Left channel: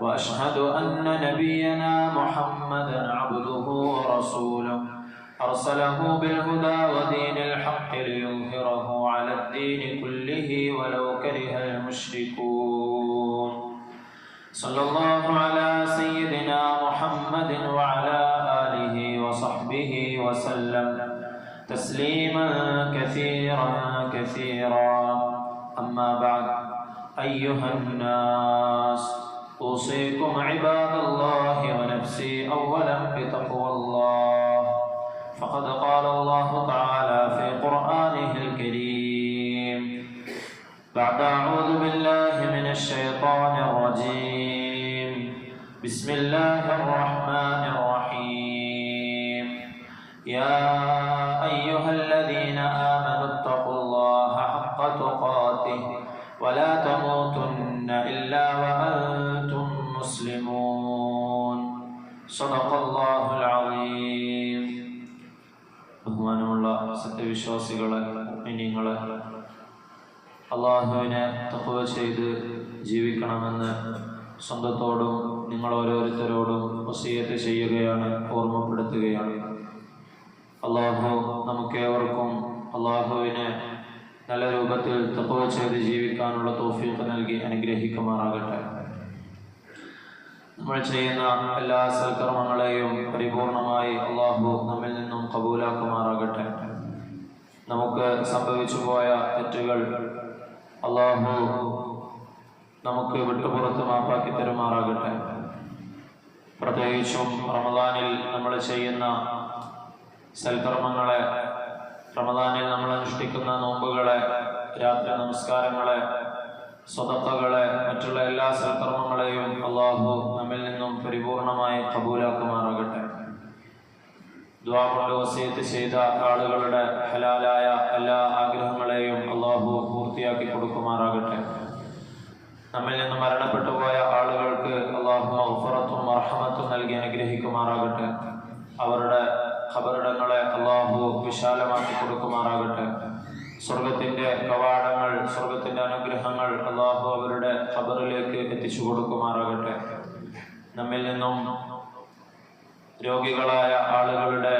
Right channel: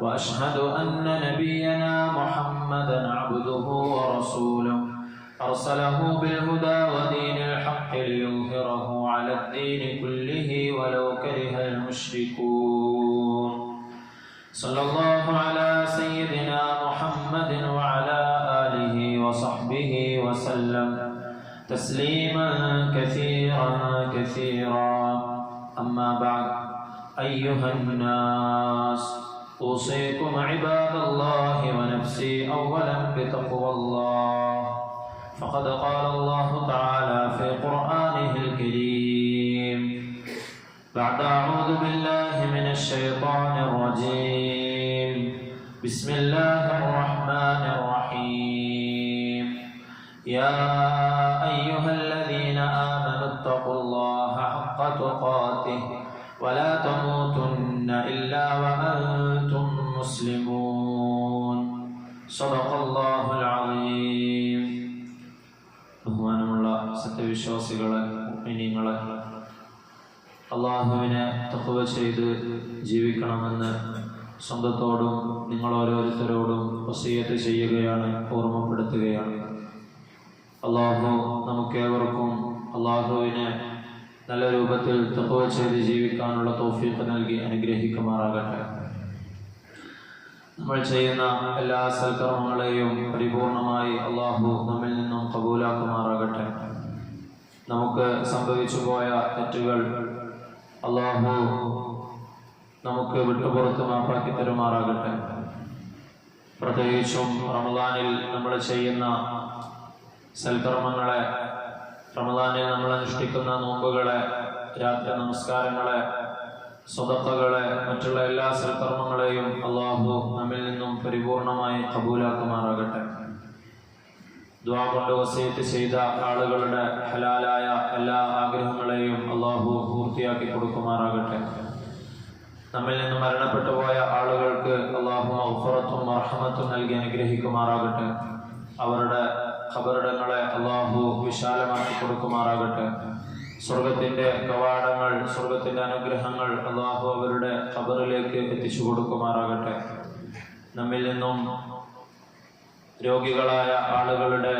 وأشهد أن نبينا محمدا عبده ورسوله أرسله بالهدى ودين الحق ليظهره على الدين كله ولو كره المشركون صلى الله على سيدنا محمد وعلى آله وصحبه وسلم تسليما كثيرا كثيرا. أما بعد، أيها الناس، أوصيكم عباد الله ونفسي أولا بتقوى الله، فقد قال الله تعالى في قرآنه الكريم بعد أعوذ بالله من الشيطان الرجيم بسم الله الرحمن الرحيم يا أيها الذين آمنوا اتقوا الله حق تقاته ولا تموتن إلا وأنتم مسلمون صدق الله العظيم. ബഹുമാനമുള്ള സത്യവിശ്വാസികളെ, മുഅ്മിനീങ്ങളെ, അള്ളാഹുവിനെ തഖ്വ ചെയ്ത് ജീവിക്കണമെന്ന് സ്വന്തത്തോടും നിങ്ങൾ ഓരോരുത്തരോടും വസിയത്ത് ചെയ്യുകയാണ്, ഓർമ്മപ്പെടുത്തുകയാണ്. അള്ളാഹു നമുക്കേവർക്കും അള്ളാഹുവിനെ നല്ല രൂപത്തിൽ തഖ്വ ചെയ്ത് ജീവിക്കാനുള്ള തൗഫീഖ് നൽകി അനുഗ്രഹിക്കുമാറാകട്ടെ. നമ്മൾ ചെയ്യുന്ന എല്ലാ സൽക്കർമ്മങ്ങളെയും പരിപൂർണമായി അള്ളാഹു നമ്മിൽ നിന്നും ഖബൂലാക്കുമാറാകട്ടെ. നമുക്ക് സംഭവിച്ചു പോയ തെറ്റുകൾ അള്ളാഹു നമുക്ക് വിട്ടുപുറത്ത് മാപ്പാക്കി തരുമാറാകട്ടെ. പ്രത്യേകിച്ചും റമദാനിൽ നമ്മൾ ചെയ്യുന്ന സൽക്കർമ്മങ്ങളെ, റമദാനിൽ നമ്മൾ അനുഷ്ഠിക്കുന്ന നോമ്പുകളെ, രാത്രി നമസ്കാരങ്ങളെ, സ്വതക്കകളെ, മറ്റുള്ള എല്ലാ സൽക്കർമ്മങ്ങളെയും അള്ളാഹു നമ്മിൽ നിന്നും പരിപൂർണമായി ഖബൂലാക്കുമാറാകട്ടെ. ദുആ കൊണ്ട് വസിയത്ത് ചെയ്ത ആളുകളുടെ ഹലാലായ എല്ലാ ആഗ്രഹങ്ങളെയും അള്ളാഹു പൂർത്തിയാക്കി കൊടുക്കുമാറാകട്ടെ. നമ്മിൽ നിന്ന് മരണപ്പെട്ടു പോയ ആളുകൾക്ക് അള്ളാഹു മഗ്ഫിറത്തും മർഹമത്തും നൽകി അനുഗ്രഹിക്കുമാറാകട്ടെ. അവരുടെ ഖബറിടങ്ങളെ അള്ളാഹു വിശാലമാക്കി കൊടുക്കുമാറാകട്ടെ. സ്വർഗത്തിന്റെ കവാടങ്ങൾ, സ്വർഗത്തിന്റെ അനുഗ്രഹങ്ങൾ അള്ളാഹു അവരുടെ ഖബറിലേക്ക് എത്തിച്ചു കൊടുക്കുമാറാകട്ടെ. നമ്മിൽ നിന്നും രോഗികളായ ആളുകളുടെ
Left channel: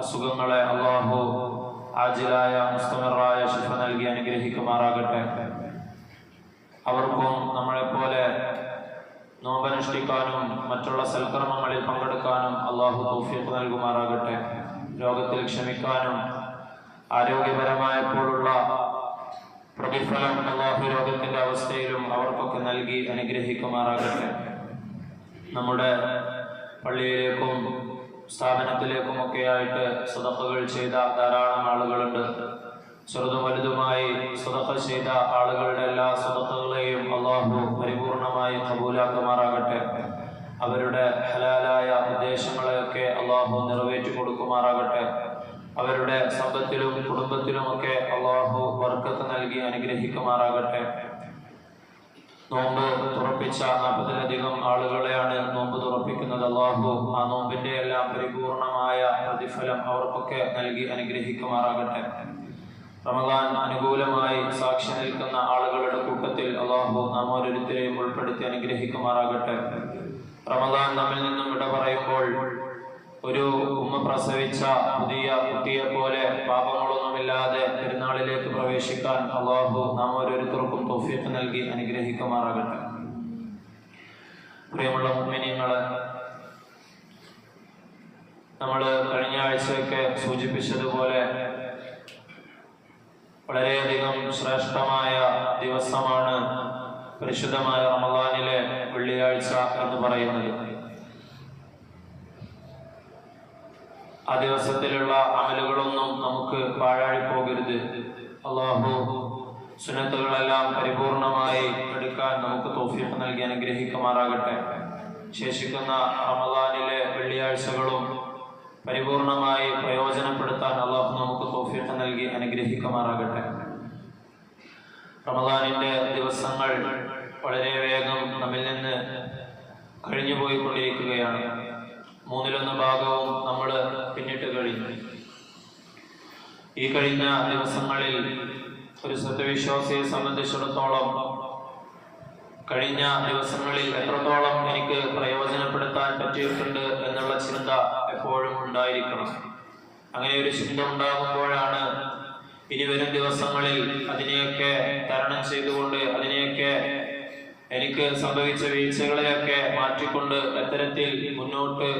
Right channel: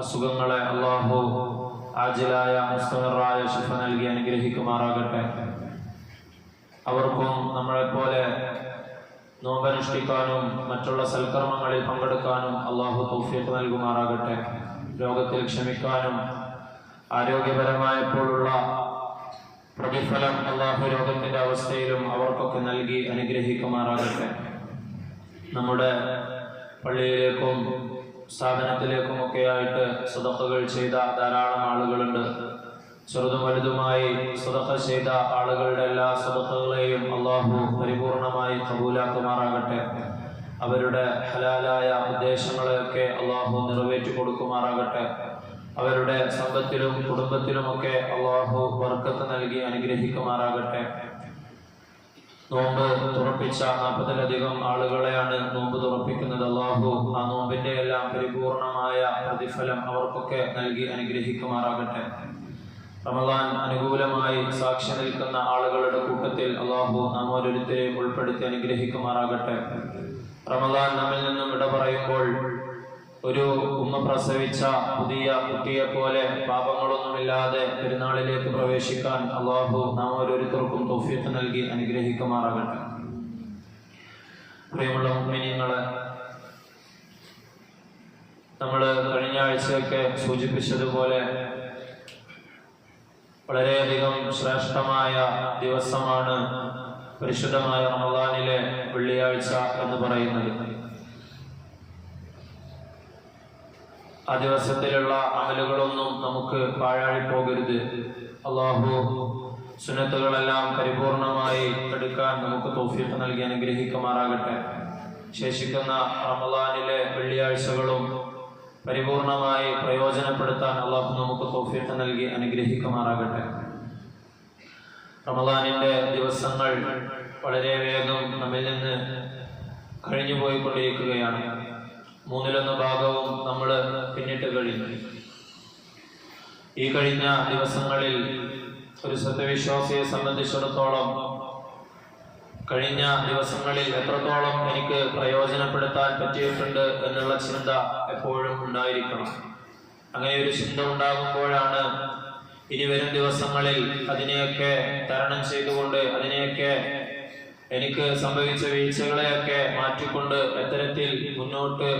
അസുഖങ്ങളെ അള്ളാഹു ആജിലായ മുസ്തമിറായ ശിഫ നൽകി അനുഗ്രഹിക്കുമാറാകട്ടെ. അവർക്കും നമ്മളെപ്പോലെ നോമ്പനുഷ്ഠിക്കാനും മറ്റുള്ള സൽക്കർമ്മങ്ങളിൽ പങ്കെടുക്കാനും അള്ളാഹു തൗഫീഖ് നൽകുമാറാകട്ടെ. രോഗത്തിൽ ക്ഷമിക്കാനും ആരോഗ്യപരമായപ്പോഴുള്ള പ്രതിഫലം അള്ളാഹു രോഗത്തിന്റെ അവസ്ഥയിലും അവർക്കൊക്കെ നൽകി അനുഗ്രഹിക്കുമാറാകട്ടെ. നമ്മുടെ പള്ളിയിലേക്കും സ്ഥാപനത്തിലേക്കും ഒക്കെയായിട്ട് സദഖകൾ ചെയ്ത ധാരാളം ആളുകളുണ്ട്. ചെറുതും വലുതുമായി സദഖ ചെയ്ത ആളുകളുടെ എല്ലാ സദഖകളെയും അള്ളാഹു പരിപൂർണമായി ഖബൂലാക്കുമാറാകട്ടെ. അവരുടെ ഹലാലായ ഉദ്ദേശങ്ങളെയൊക്കെ അള്ളാഹു നിറവേറ്റി കൊടുക്കുമാറാകട്ടെ. അവരുടെ സമ്പത്തിലും കുടുംബത്തിലുമൊക്കെ അള്ളാഹു ബർക്കത്ത് നൽകി അനുഗ്രഹിക്കുമാറാകട്ടെ. നോമ്പ് തുറപ്പിച്ച 40-ലധികം ആളുകളെയാണ് നോമ്പ് തുറപ്പിക്കുന്നത്. അള്ളാഹു ആ നോമ്പിന്റെ എല്ലാം പരിപൂർണമായ പ്രതിഫലം അവർക്കൊക്കെ നൽകി അനുഗ്രഹിക്കുമാറാകട്ടെ. റമദാൻ അനുകൂലമായി സാക്ഷി നിൽക്കുന്ന ആളുകളുടെ കൂട്ടത്തിൽ അള്ളാഹു നാം ഓരോരുത്തരെയും ഉൾപ്പെടുത്തി അനുഗ്രഹിക്കുമാറാകട്ടെ. റമദാൻ നമ്മിൽ നിന്നും വിട പറയുമ്പോൾ ഒരു ഉമ്മ പ്രസവിച്ച പുതിയ കുട്ടിയെ പോലെ പാപങ്ങളൊന്നുമില്ലാതെ പെരുന്നാളിലേക്ക് പ്രവേശിക്കാൻ അള്ളാഹു നാം ഓരോരുത്തർക്കും തൗഫീഖ് നൽകി അനുഗ്രഹിക്കുമാറാകട്ടെ. പ്രിയമുള്ള മുഅ്മിനീങ്ങളെ, നമ്മൾ കഴിഞ്ഞ ആഴ്ചയൊക്കെ സൂചിപ്പിച്ചതുപോലെ വളരെയധികം ശ്രേഷ്ഠമായ ദിവസമാണ് പരിശുദ്ധമായ റമദാനിലെ വെള്ളിയാഴ്ച എന്ന് പറയുന്നത്. ആ ദിവസത്തിലുള്ള അമലുകളൊന്നും നമുക്ക് പാഴായി പോകരുത്. അള്ളാഹു സുന്നത്തുകളെല്ലാം പരിപൂർണമായി എടുക്കാൻ നമുക്ക് തൗഫീഖ് നൽകി അനുഗ്രഹിക്കുമാറാകട്ടെ. ശേഷിക്കുന്ന റമദാനിലെ വെള്ളിയാഴ്ചകളും പരിപൂർണമായി പ്രയോജനപ്പെടുത്താൻ അള്ളാഹു നമുക്ക് തൗഫീഖ് നൽകി അനുഗ്രഹിക്കുമാറാകട്ടെ. റമദാനിന്റെ ദിവസങ്ങൾ വളരെ വേഗം നമ്മിൽ നിന്ന് കഴിഞ്ഞു പോയിക്കൊണ്ടിരിക്കുകയാണ്. 1/3 ഭാഗവും നമ്മൾ പിന്നിട്ട് കഴിഞ്ഞു. ഈ കഴിഞ്ഞ ദിവസങ്ങളിൽ ഒരു സത്യവിശ്വാസിയെ സംബന്ധിച്ചിടത്തോളം കഴിഞ്ഞ ദിവസങ്ങളിൽ എത്രത്തോളം എനിക്ക് പ്രയോജനപ്പെടുത്താൻ പറ്റിയിട്ടുണ്ട് എന്നുള്ള ചിന്ത എപ്പോഴും ഉണ്ടായിരിക്കണം. അങ്ങനെ ഒരു ചിന്ത ഉണ്ടാകുമ്പോഴാണ് ഇനി വരും ദിവസങ്ങളിൽ അതിനെയൊക്കെ തരണം ചെയ്തുകൊണ്ട്, അതിനെയൊക്കെ എനിക്ക് സംഭവിച്ച വീഴ്ചകളെയൊക്കെ മാറ്റിക്കൊണ്ട് എത്തരത്തിൽ മുന്നോട്ട്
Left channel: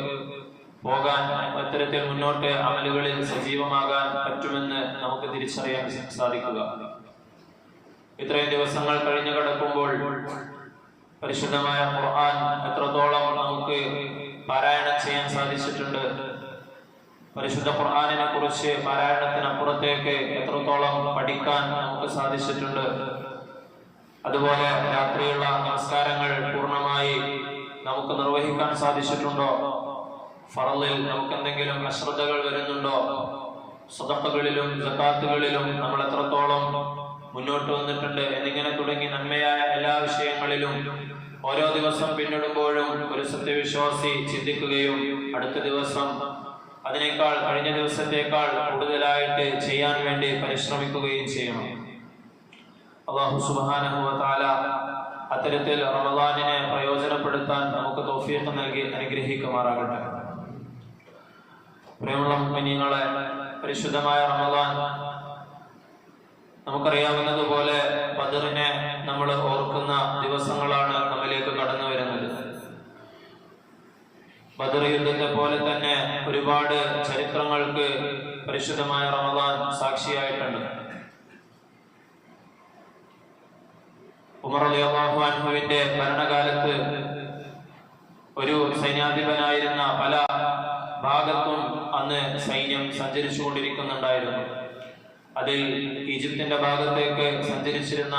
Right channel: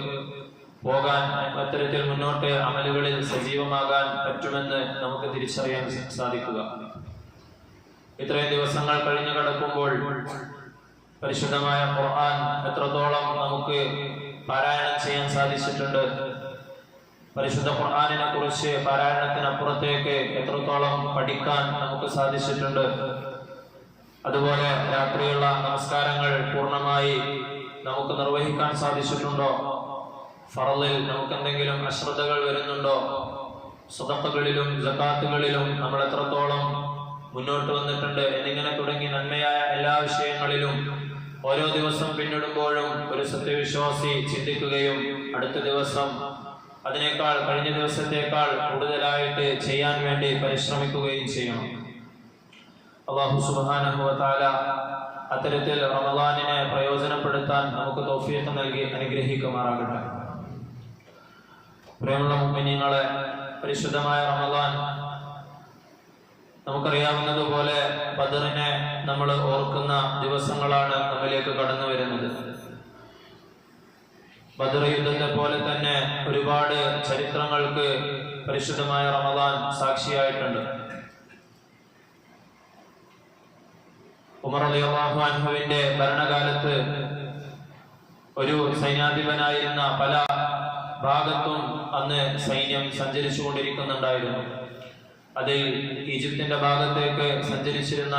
പോകാൻ, എത്തരത്തിൽ മുന്നോട്ട് അമലുകളിൽ സജീവമാകാൻ പറ്റുമെന്ന് നമുക്ക് തിരിച്ചറിയാൻ സാധിക്കുക. ഇത്രയും ദിവസങ്ങൾ കഴിഞ്ഞു കിടക്കുമ്പോൾ പരിശുദ്ധമായ ഖുർആൻ എത്രത്തോളം നമുക്ക് പാരായണം ചെയ്യാൻ സാധിച്ചിട്ടുണ്ട്, പരിശുദ്ധ ഖുർആനിനെ കുറിച്ച് പാരായണത്തിനപ്പുറത്തേക്ക് എത്രത്തോളം പഠിക്കാൻ നമുക്ക് സാധിച്ചിട്ടുണ്ട്, അതുപോലെ രാത്രിയുള്ള നമസ്കാരങ്ങൾ പൂർണ്ണമായി നമുക്ക് നിർവഹിക്കാൻ സാധിച്ചിട്ടുണ്ടോ, ഫറളിൽ നമുക്ക് എന്തെങ്കിലും അശ്രദ്ധകൾ വരുന്നുണ്ടോ, സദഖകളിലും സകാത്തുകളിലും നമ്മൾ എത്രത്തോളം മുന്നോട്ട് വന്നിട്ടുണ്ട് എന്നിങ്ങനെ തുടങ്ങി നന്മയായ എല്ലാ വിഷയങ്ങളിലും ഓരോ ദിവസം പിന്നിടുമ്പോഴും ഒരു സത്യവിശ്വാസി ചിന്തിക്കുകയും അടുത്ത ദിവസം അതിനേക്കാൾ, കഴിഞ്ഞ ദിവസത്തേക്കാൾ കൂടുതലായിട്ട് ചെയ്യാൻ വേണ്ടി പരിശ്രമിക്കുകയും ചെയ്യണം. അല്ലാഹു സുബ്ഹാനഹു വ തആല അത്തരത്തിൽ റമദാനിനെ പ്രയോജനപ്പെടുത്താൻ നമുക്ക് തൗഫീഖ് നൽകി അനുഗ്രഹിക്കുമാറാകട്ടെ. പ്രിയമുള്ള മുഅ്മിനീങ്ങളെ, പരിശുദ്ധമായ റമദാൻ നമുക്കറിയാവുന്നതുപോലെ ബദറിനെ നമ്മൾ ഓർക്കുന്ന ദിവസങ്ങളാണ് നമ്മിലേക്ക് കടന്നു വരുന്നത്. ബദർ യുദ്ധത്തെ പോലെ തന്നെ ഒരുപാട് ചരിത്രങ്ങൾക്ക് പരിശുദ്ധമായ റമദാൻ സാക്ഷിയായിട്ടുണ്ട്. ഉമർ റളിയല്ലാഹു അൻഹുവിന്റെ ഭരണകാലത്ത് ഒരു സൈന്യാധിപനായിരുന്ന പല ഭാഗത്തും അന്ന് സൈന്യം സഞ്ചരിച്ചു കൊണ്ടിരിക്കുന്നുണ്ടായിരുന്നു. അതിൽ ഈജിപ്തിന്റെ ഭാഗത്തേക്ക് സഞ്ചരിച്ചിരുന്ന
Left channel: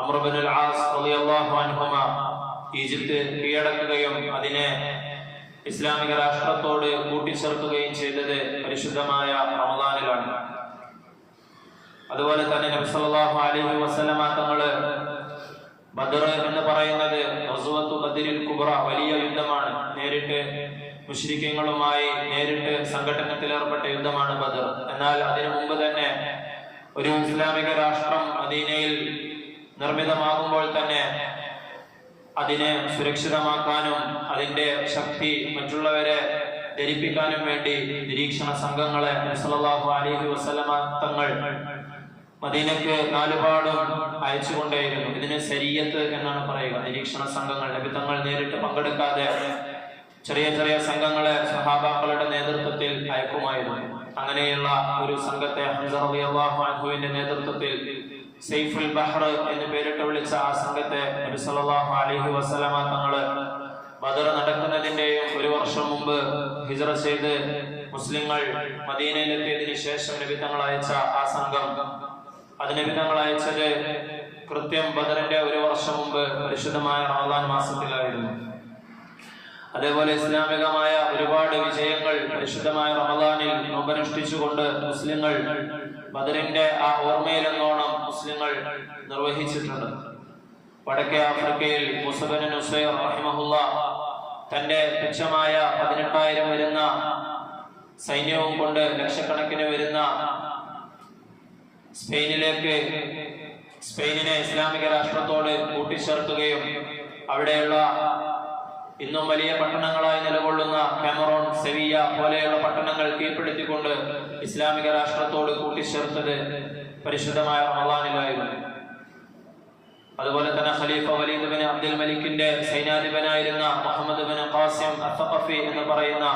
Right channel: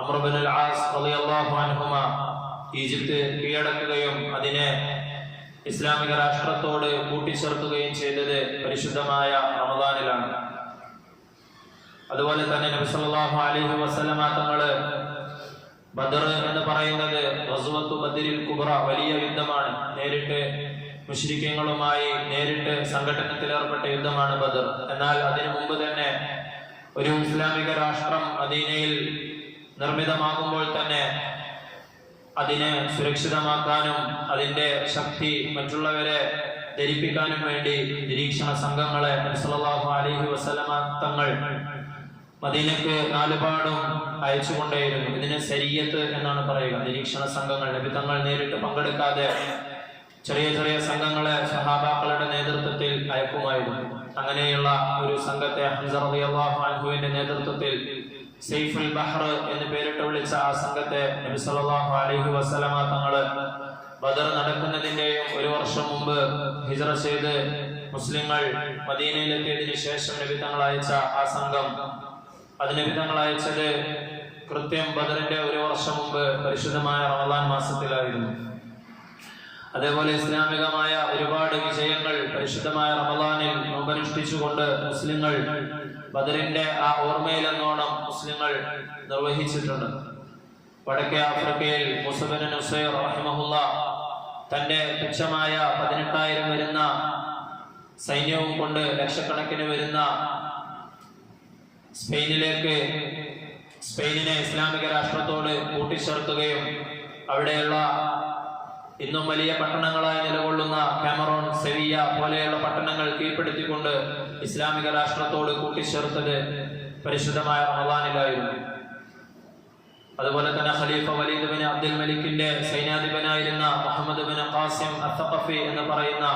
അംർ ഇബ്നുൽ ആസ് റളിയല്ലാഹു അൻഹുമ ഈജിപ്ത് കീഴടക്കുകയും അതിനെ ഇസ്ലാമിക രാഷ്ട്രത്തോട് കൂട്ടിച്ചേർക്കുകയും ചെയ്തത് പരിശുദ്ധമായ റമദാനിലാണ്. അതുപോലെ തന്നെ നബി സല്ലല്ലാഹു അലൈഹി വസല്ലമ തങ്ങള് ബദർ എന്ന് പറയുന്നത് ഗസ്വത്തു ബദരിൽ കുബ്ര, വലിയ യുദ്ധമാണ്. നേരിട്ട് മുശ്രിക്കീങ്ങളുമായി നേരിട്ട് സംഘട്ടനത്തിൽ ഏർപ്പെട്ട യുദ്ധമാണ് ബദർ. എന്നാൽ അതിനു മുമ്പ് തന്നെ ഒരു ഇസ്ലാമിക രാഷ്ട്രം മദീനയിൽ നിർമ്മിതമാകുമ്പോൾ തന്നെ അതിനെ സുരക്ഷിതമാക്കാനും അതിന്റെ ശക്തി മറ്റുള്ളവരെ ധരിപ്പിക്കാനും വേണ്ടി നിരീക്ഷണ സംഘങ്ങളെ നബി സല്ലല്ലാഹു അലൈഹി വസല്ലമ തങ്ങൾ മദീനക്ക് നാലുപാടും അയച്ചുകൊണ്ടേയിരുന്നു. ഇതിന് സരിയത്ത് എന്നാണ് പറയുക. നിരീക്ഷണ സംഘങ്ങൾ നബി തങ്ങൾ നേരിട്ട് പങ്കെടുക്കാതെ ചെറിയ ചെറിയ സംഘങ്ങളെ സഹാബാക്കളുടെ നേതൃത്വത്തിൽ അയക്കുമായിരുന്നു. അങ്ങനെയുള്ള ഒരു സംഘത്തെ ഹംസ റളിയല്ലാഹു അൻഹുവിന്റെ നേതൃത്വത്തിൽ സൈഫുൽ ബഹർ എന്ന് പേരിട്ട് വിളിച്ച ആ സംഘത്തെ നബി സല്ലല്ലാഹു അലൈഹി വസല്ലമ തങ്ങള് ബദർ നടക്കുന്നതിന്റെയും ഒരു വർഷം മുമ്പ് ഹിജ്റ ചെയ്ത് മുസ്ലിങ്ങൾ മദീനയിലെത്തിയതിനു ശേഷം നബി തങ്ങൾ അയച്ച ആ സംഘം, അത് നബി തങ്ങൾ അയച്ചത് കൃത്യം ബദറിന്റെ ഒരു വർഷം മുമ്പ് പരിശുദ്ധമായ റമദാൻ മാസത്തിലായിരുന്നു. അതേപോലെ ഇസ്ലാമികമായ ഒരുപാട് വിജയങ്ങൾ പരിശുദ്ധമായ റമദാനിൽ നോമ്പനുഷ്ഠിച്ചുകൊണ്ട് മുസ്ലിങ്ങൾ ബദറിന്റെ ആ ഓർമ്മയിലെന്നോണം മുസ്ലിങ്ങൾ നിർവഹിച്ചിട്ടുണ്ട്. വടക്കേ ആഫ്രിക്കയിൽ മുസ ബിൻ നുസൈർ റഹിമഹുല്ലാ തന്റെ തുച്ഛമായ 18,000 വരുന്ന സൈന്യവും കൊണ്ട് ലക്ഷക്കണക്കിന് വരുന്ന സ്പെയിനിനെ ഇസ്ലാമിക രാഷ്ട്രത്തോട് കൂട്ടിച്ചേർക്കുകയും അവിടെയുള്ള ഇന്നും വലിയ പട്ടണങ്ങളായി നിലകൊള്ളുന്ന കാമറൂൺ, സെവിയ പോലെയുള്ള പട്ടണങ്ങൾ കീഴ്പ്പെടുത്തിക്കൊണ്ട് ഇസ്ലാമിക രാഷ്ട്രത്തോട് കൂട്ടിച്ചേർത്തത് പരിശുദ്ധമായ റമദാനിലായിരുന്നു. അതുപോലെ തന്നെ ഖലീഫ വലീദ് ബിൻ അബ്ദുൽ മലിക്കിന്റെ സൈന്യാധിപനായിരുന്ന മുഹമ്മദ് ബിൻ ഖാസിം അസ്സഖഫി എന്ന് പറയുന്ന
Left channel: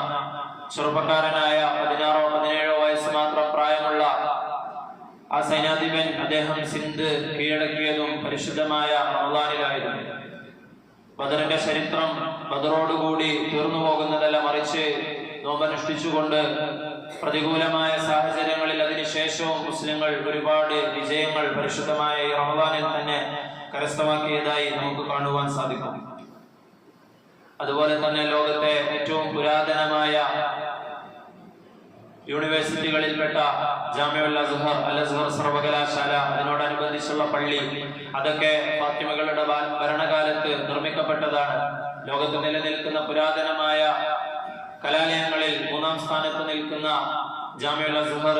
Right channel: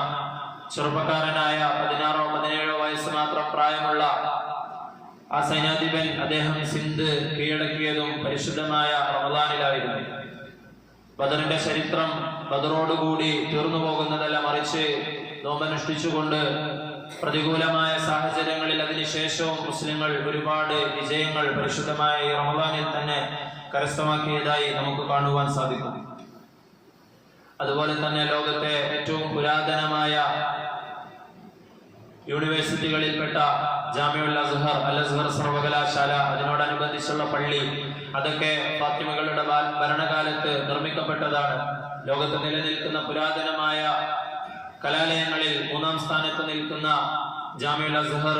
ചെറുപ്പക്കാരനായ 16-17 വയസ്സ് മാത്രം പ്രായമുള്ള ആ സൈന്യാധിപൻ, അദ്ദേഹം സിന്ധ് കീഴടക്കിയതും പരിശുദ്ധമായ റമദാനിലായിരുന്നു. ബദറിന്റെ ചരിത്രം ബദറോടുകൂടി തീർന്നു പോകുന്നതല്ല, മറിച്ച് നോമ്പനുഷ്ഠിച്ചുകൊണ്ട് പ്രതികൂലമായ സാഹചര്യങ്ങളിൽ അതിനുശേഷവും മുസ്ലിങ്ങൾ ഒരുപാട് വിജയങ്ങൾ പരിശുദ്ധമായ റമദാനിൽ തന്നെ കരസ്ഥമാക്കിയതായി നമുക്ക് കാണുവാൻ സാധിക്കും. അതുപോലെ തന്നെ ലോകത്തെ ഏറ്റവും പുരാതനമായ യൂണിവേഴ്സിറ്റികളിൽപ്പെട്ട ജാമിഉൽ അസ്ഹർ, അൽ അസ്ഹർ സർവകലാശാല, അതിനോടനുബന്ധിച്ചുള്ള പള്ളി, അതൊക്കെ ഫാത്തിമകളുടെ ഭരണകാലത്ത് നിർമ്മിക്കപ്പെട്ടതാണ്. ലോകത്ത് നിലനിൽക്കുന്ന പുരാതനമായ കലാലയങ്ങളിൽ 3-ാം സ്ഥാനത്ത് നിൽക്കുന്ന ജാമിഉൽ അസ്ഹർ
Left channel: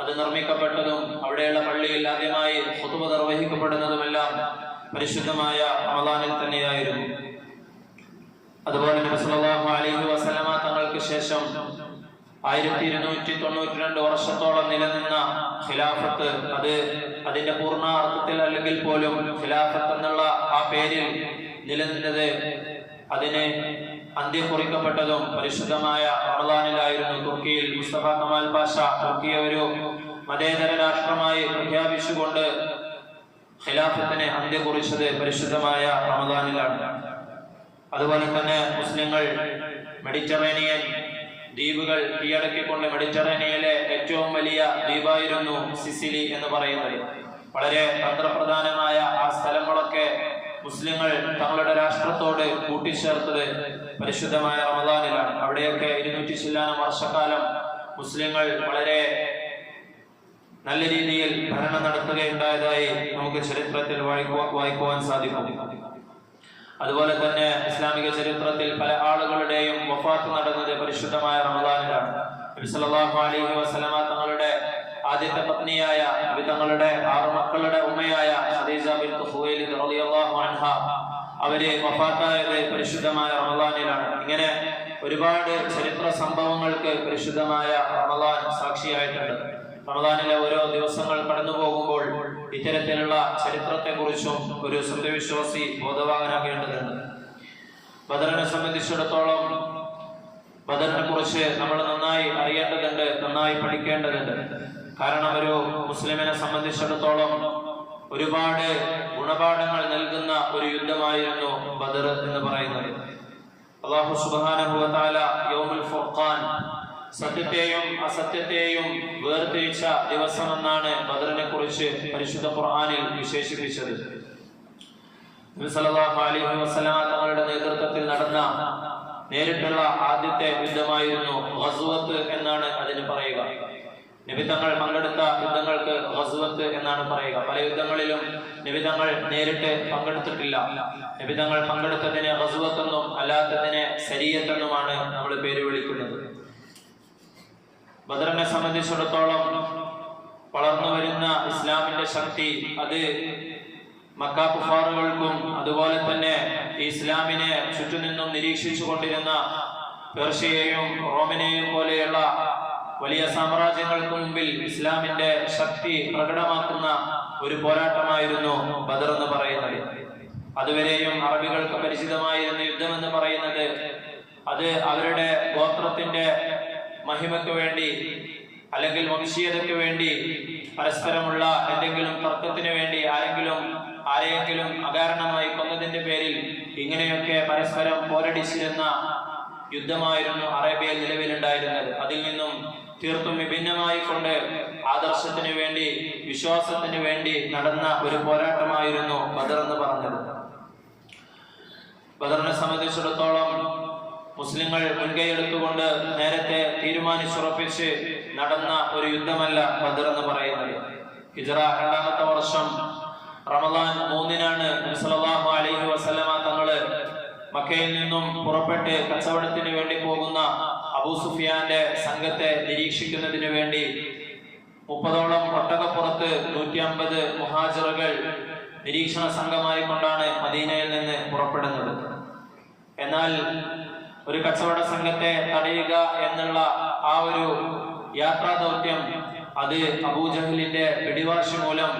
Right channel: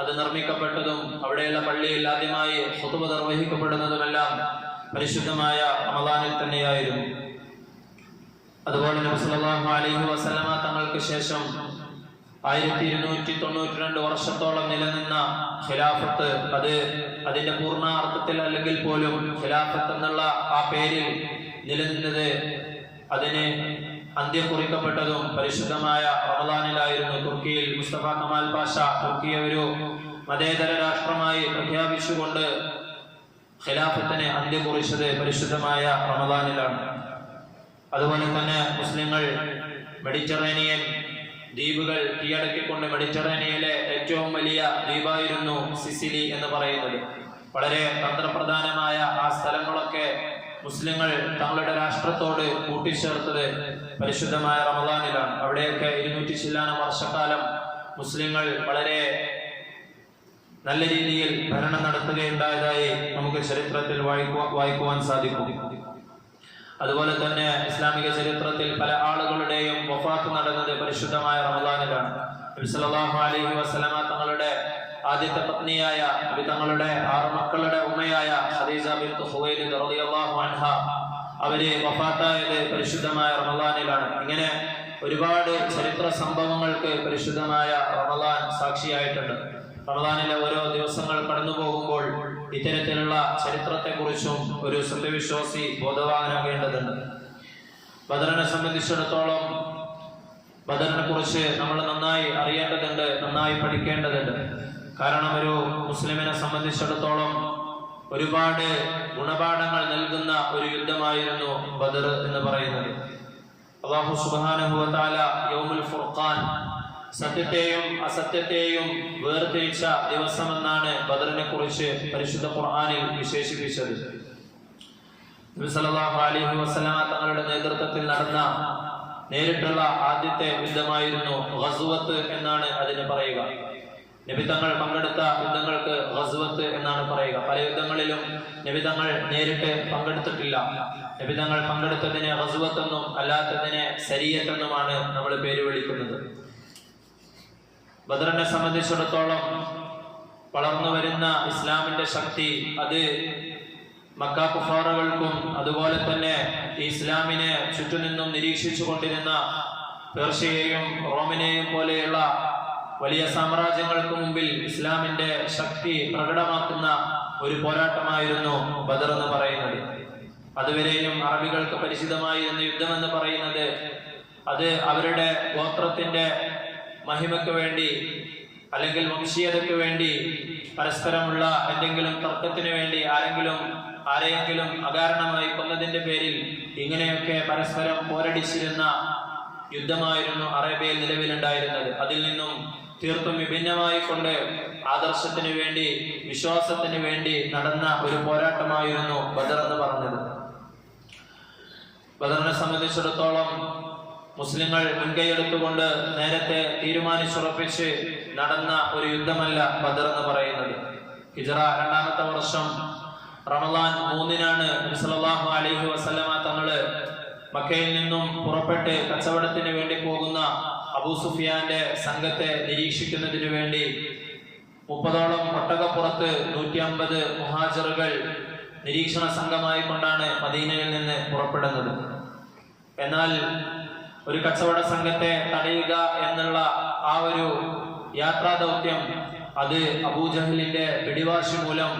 അത് നിർമ്മിക്കപ്പെട്ടതും അവിടെയുള്ള പള്ളിയിൽ ആദ്യമായി ഖുതുബ നിർവഹിക്കപ്പെടുന്നതുമെല്ലാം പരിശുദ്ധമായ റമദാനിൽ തന്നെയായിരുന്നു. അതുപോലെ നബി സല്ലല്ലാഹു അലൈഹി വസല്ലമ തങ്ങൾക്ക് ശേഷം 1292 വർഷത്തോളം നിലനിന്ന ഖിലാഫത്ത്, അത് അതിന്റെ പൂർണ്ണാർത്ഥത്തിൽ അല്ലെങ്കിൽ പോലും ഖിലാഫത്ത് എന്നുള്ള ആ പേരിൽ നിലനിന്നത്, അതിന് അന്ത്യം കുറിക്കപ്പെട്ടതും പരിശുദ്ധമായ റമദാനിലായിരുന്നു. തുർക്കിയിൽ മുസ്തഫ കമാൽ പാഷ തുർക്കിയെ ഒരു മതേതര രാഷ്ട്രമായി പ്രഖ്യാപിച്ചുകൊണ്ട് ഖിലാഫത്തിന് അന്ത്യം കുറിച്ചത് പരിശുദ്ധമായ റമദാനിലാണ്. അതുപോലെ തന്നെ മുസ്ലിങ്ങൾ മെഡിറ്ററേനിയൻ ദ്വീപുകൾ കീഴടക്കിക്കൊണ്ട് മെഡിറ്ററേനിയയിലെ ഏറ്റവും വലിയ ദ്വീപായിരുന്നു സിസിലി എന്ന് പറയുന്നത്. വളരെ തന്ത്രപ്രധാനമായ ആ സ്ഥലങ്ങളൊക്കെ മുസ്ലിങ്ങൾ തങ്ങളുടെ രാഷ്ട്രത്തോട് കൂട്ടിച്ചേർത്തത് പരിശുദ്ധമായ റമദാനിലാണ്. അവിടെയൊക്കെ 200 ചില്ലാനം വർഷക്കാലം മുസ്ലിങ്ങൾ വളരെ നല്ല രീതിയിൽ ഭരണം നടത്തുകയുണ്ടായതായി നമുക്ക് ചരിത്രത്തിൽ വായിക്കുവാൻ സാധിക്കും. അതുപോലെ തന്നെ ഇസ്ലാമിക ചരിത്രത്തിൽ പല ആളുകളുടെയും വഫാത്ത് നടന്നത് പരിശുദ്ധമായ റമദാനിലാണ്. നബി സല്ലല്ലാഹു അലൈഹി വസല്ലമ തങ്ങളുടെ ആദ്യത്തെ പത്നിയായ, നബി തങ്ങളുടെ 6 മക്കളുടെ ഉമ്മയായ ഖദീജ ബിൻത് ഖുവൈലിദ് റളിയല്ലാഹു അൻഹ അവര് വഫാത്തായത് പരിശുദ്ധമായ റമദാനിലാണ്. ഇങ്ങനെ ഒരുപാട് ചരിത്ര സംഭവങ്ങൾക്ക് പരിശുദ്ധമായ റമദാൻ സാക്ഷിയായിട്ടുണ്ട്. റമദാനിലെ ഓരോ ദിവസങ്ങൾ കടന്നു പോകുമ്പോൾ ഇത്തരത്തിലുള്ള ചരിത്രത്തെക്കുറിച്ചും ഒരു സത്യവിശ്വാസി ബോധവാനാകേണ്ടതുണ്ട്. ബദറിനെ സംബന്ധിച്ചിടത്തോളം ബദറിനെ കുറിച്ച് നമ്മൾ നന്നായി അറിയേണ്ടതുണ്ട്, നന്നായി പഠിക്കേണ്ടതുണ്ട്. കാരണം ഒരു മുസ്ലിമിനെ സംബന്ധിച്ചിടത്തോളം ഒരുപാട് ഗുണപാഠങ്ങൾ നൽകുന്ന ഒരു യുദ്ധമായിരുന്നു ബദർ എന്ന് പറയുന്നത്. അല്ലാഹു സുബ്ഹാനഹു വ തആല യൗമുൽ ഫുർഖാൻ, സത്യത്തെയും അസത്യത്തെയും വേർതിരിച്ച ദിവസമെന്നാണ് ബദറിനെ കുറിച്ച് പരിശുദ്ധ ഖുർആനിൽ വിശേഷിപ്പിച്ചത്. നബി സല്ലല്ലാഹു അലൈഹി വസല്ലമ തങ്ങളുടെ നേതൃത്വത്തിൽ നടന്ന നേരിട്ടുള്ള ആദ്യത്തെ യുദ്ധമായിരുന്നു ഗസ്വത്ത് എന്നാണ് അതിന് പറയുക. നബി തങ്ങൾ പങ്കെടുത്ത യുദ്ധങ്ങൾക്ക് ഗസ്വത്ത് എന്നാണ് പറയുക. പല യുദ്ധങ്ങളിലും നബി തങ്ങൾ നേരിട്ട് പങ്കെടുത്തിട്ടില്ല. നബി തങ്ങൾ പങ്കെടുത്തതിനെ ഗസ്വത്ത് എന്നും അല്ലാത്തതിനെ സരിയത്ത് എന്നുമാണ് നമ്മൾ പേര് വിളിക്കുന്നത്. ബദറിനെ സംബന്ധിച്ചിടത്തോളം വളർന്നു വരുന്ന ഇസ്ലാമിന്റെ ശക്തി അത് മക്ക കുഫാറുകൾക്കും അതുപോലെ തന്നെ ഇസ്ലാമിനെ ചുറ്റുനിന്നും നിരീക്ഷിച്ചു കൊണ്ടിരുന്ന പേർഷ്യയെയും റോമിനെയും പോലെയുള്ള വലിയ സാമ്രാജ്യങ്ങൾക്ക് മുമ്പിൽ ഇസ്ലാമിന്റെ ശക്തി പ്രകടമാക്കുന്ന ഒരു പോരാട്ടമായിരുന്നു ബദർ എന്ന് പറയുന്നത്. അതുവരെയും അറബികൾക്ക് പരിചിതമായിരുന്ന യുദ്ധം എന്ന് പറയുന്നത് അത് അവരുടെ ഗോത്രത്തിന്റെ മഹിമയ്ക്ക് വേണ്ടി അല്ലെങ്കിൽ വംശീയതയ്ക്ക് വേണ്ടി പരസ്പരമുള്ള എന്തെങ്കിലും തർക്കത്തിന് വേണ്ടി ആരെയെങ്കിലും അകാരണമായി കൊന്നതിന്റെ പേരിൽ ഇങ്ങനെയൊക്കെ പരസ്പരം പോരടിച്ചിരുന്ന യുദ്ധമായിരുന്നു അറേബ്യയിൽ നിലവിലുണ്ടായിരുന്നത്. അതിൽ നിന്നും തീർത്തും വിഭിന്നമായി കൊണ്ട് ആദർശത്തിന് വേണ്ടി, വിശ്വാസത്തിന് വേണ്ടി നടന്ന ഒരു പോരാട്ടമായിരുന്നു ബദർ എന്ന് പറഞ്ഞത്. ബദറിനെ സംബന്ധിച്ചിടത്തോളം മുസ്ലിങ്ങൾ മുൻകൈയെടുത്തുകൊണ്ട് നേരത്തെ തീരുമാനിച്ചുറപ്പിച്ച് നടന്ന ഒരു യുദ്ധമല്ല ബദർ എന്ന് പറയുന്നത്. ഹിജ്റ 2ാമത്തെ വർഷം റമദാൻ 3-നാണ് നബി സല്ലല്ലാഹു അലൈഹി വസല്ലമ തങ്ങള് മക്കയിൽ നിന്നും പുറപ്പെട്ട് കച്ചവടത്തിന് വേണ്ടി പോകുന്ന അബൂ സുഫിയാന്റെ സംഘത്തെ നിരീക്ഷിക്കുന്നതിന് വേണ്ടി 30ഓളം ഒട്ടകപ്പുറത്ത് 150 മുഹാജിറുകൾ നിരീക്ഷണ സംഘമായി കൊണ്ടാണ് മദീനയിൽ നിന്ന് പുറപ്പെടുന്നത്. എന്നാൽ ഒരു കച്ചവട സംഘത്തെ തടയുക എന്നുള്ള ആ ഒരു യാത്രാ ദൗത്യം അത് അബൂജഹലിന്റെ പിടിവാശി മൂലം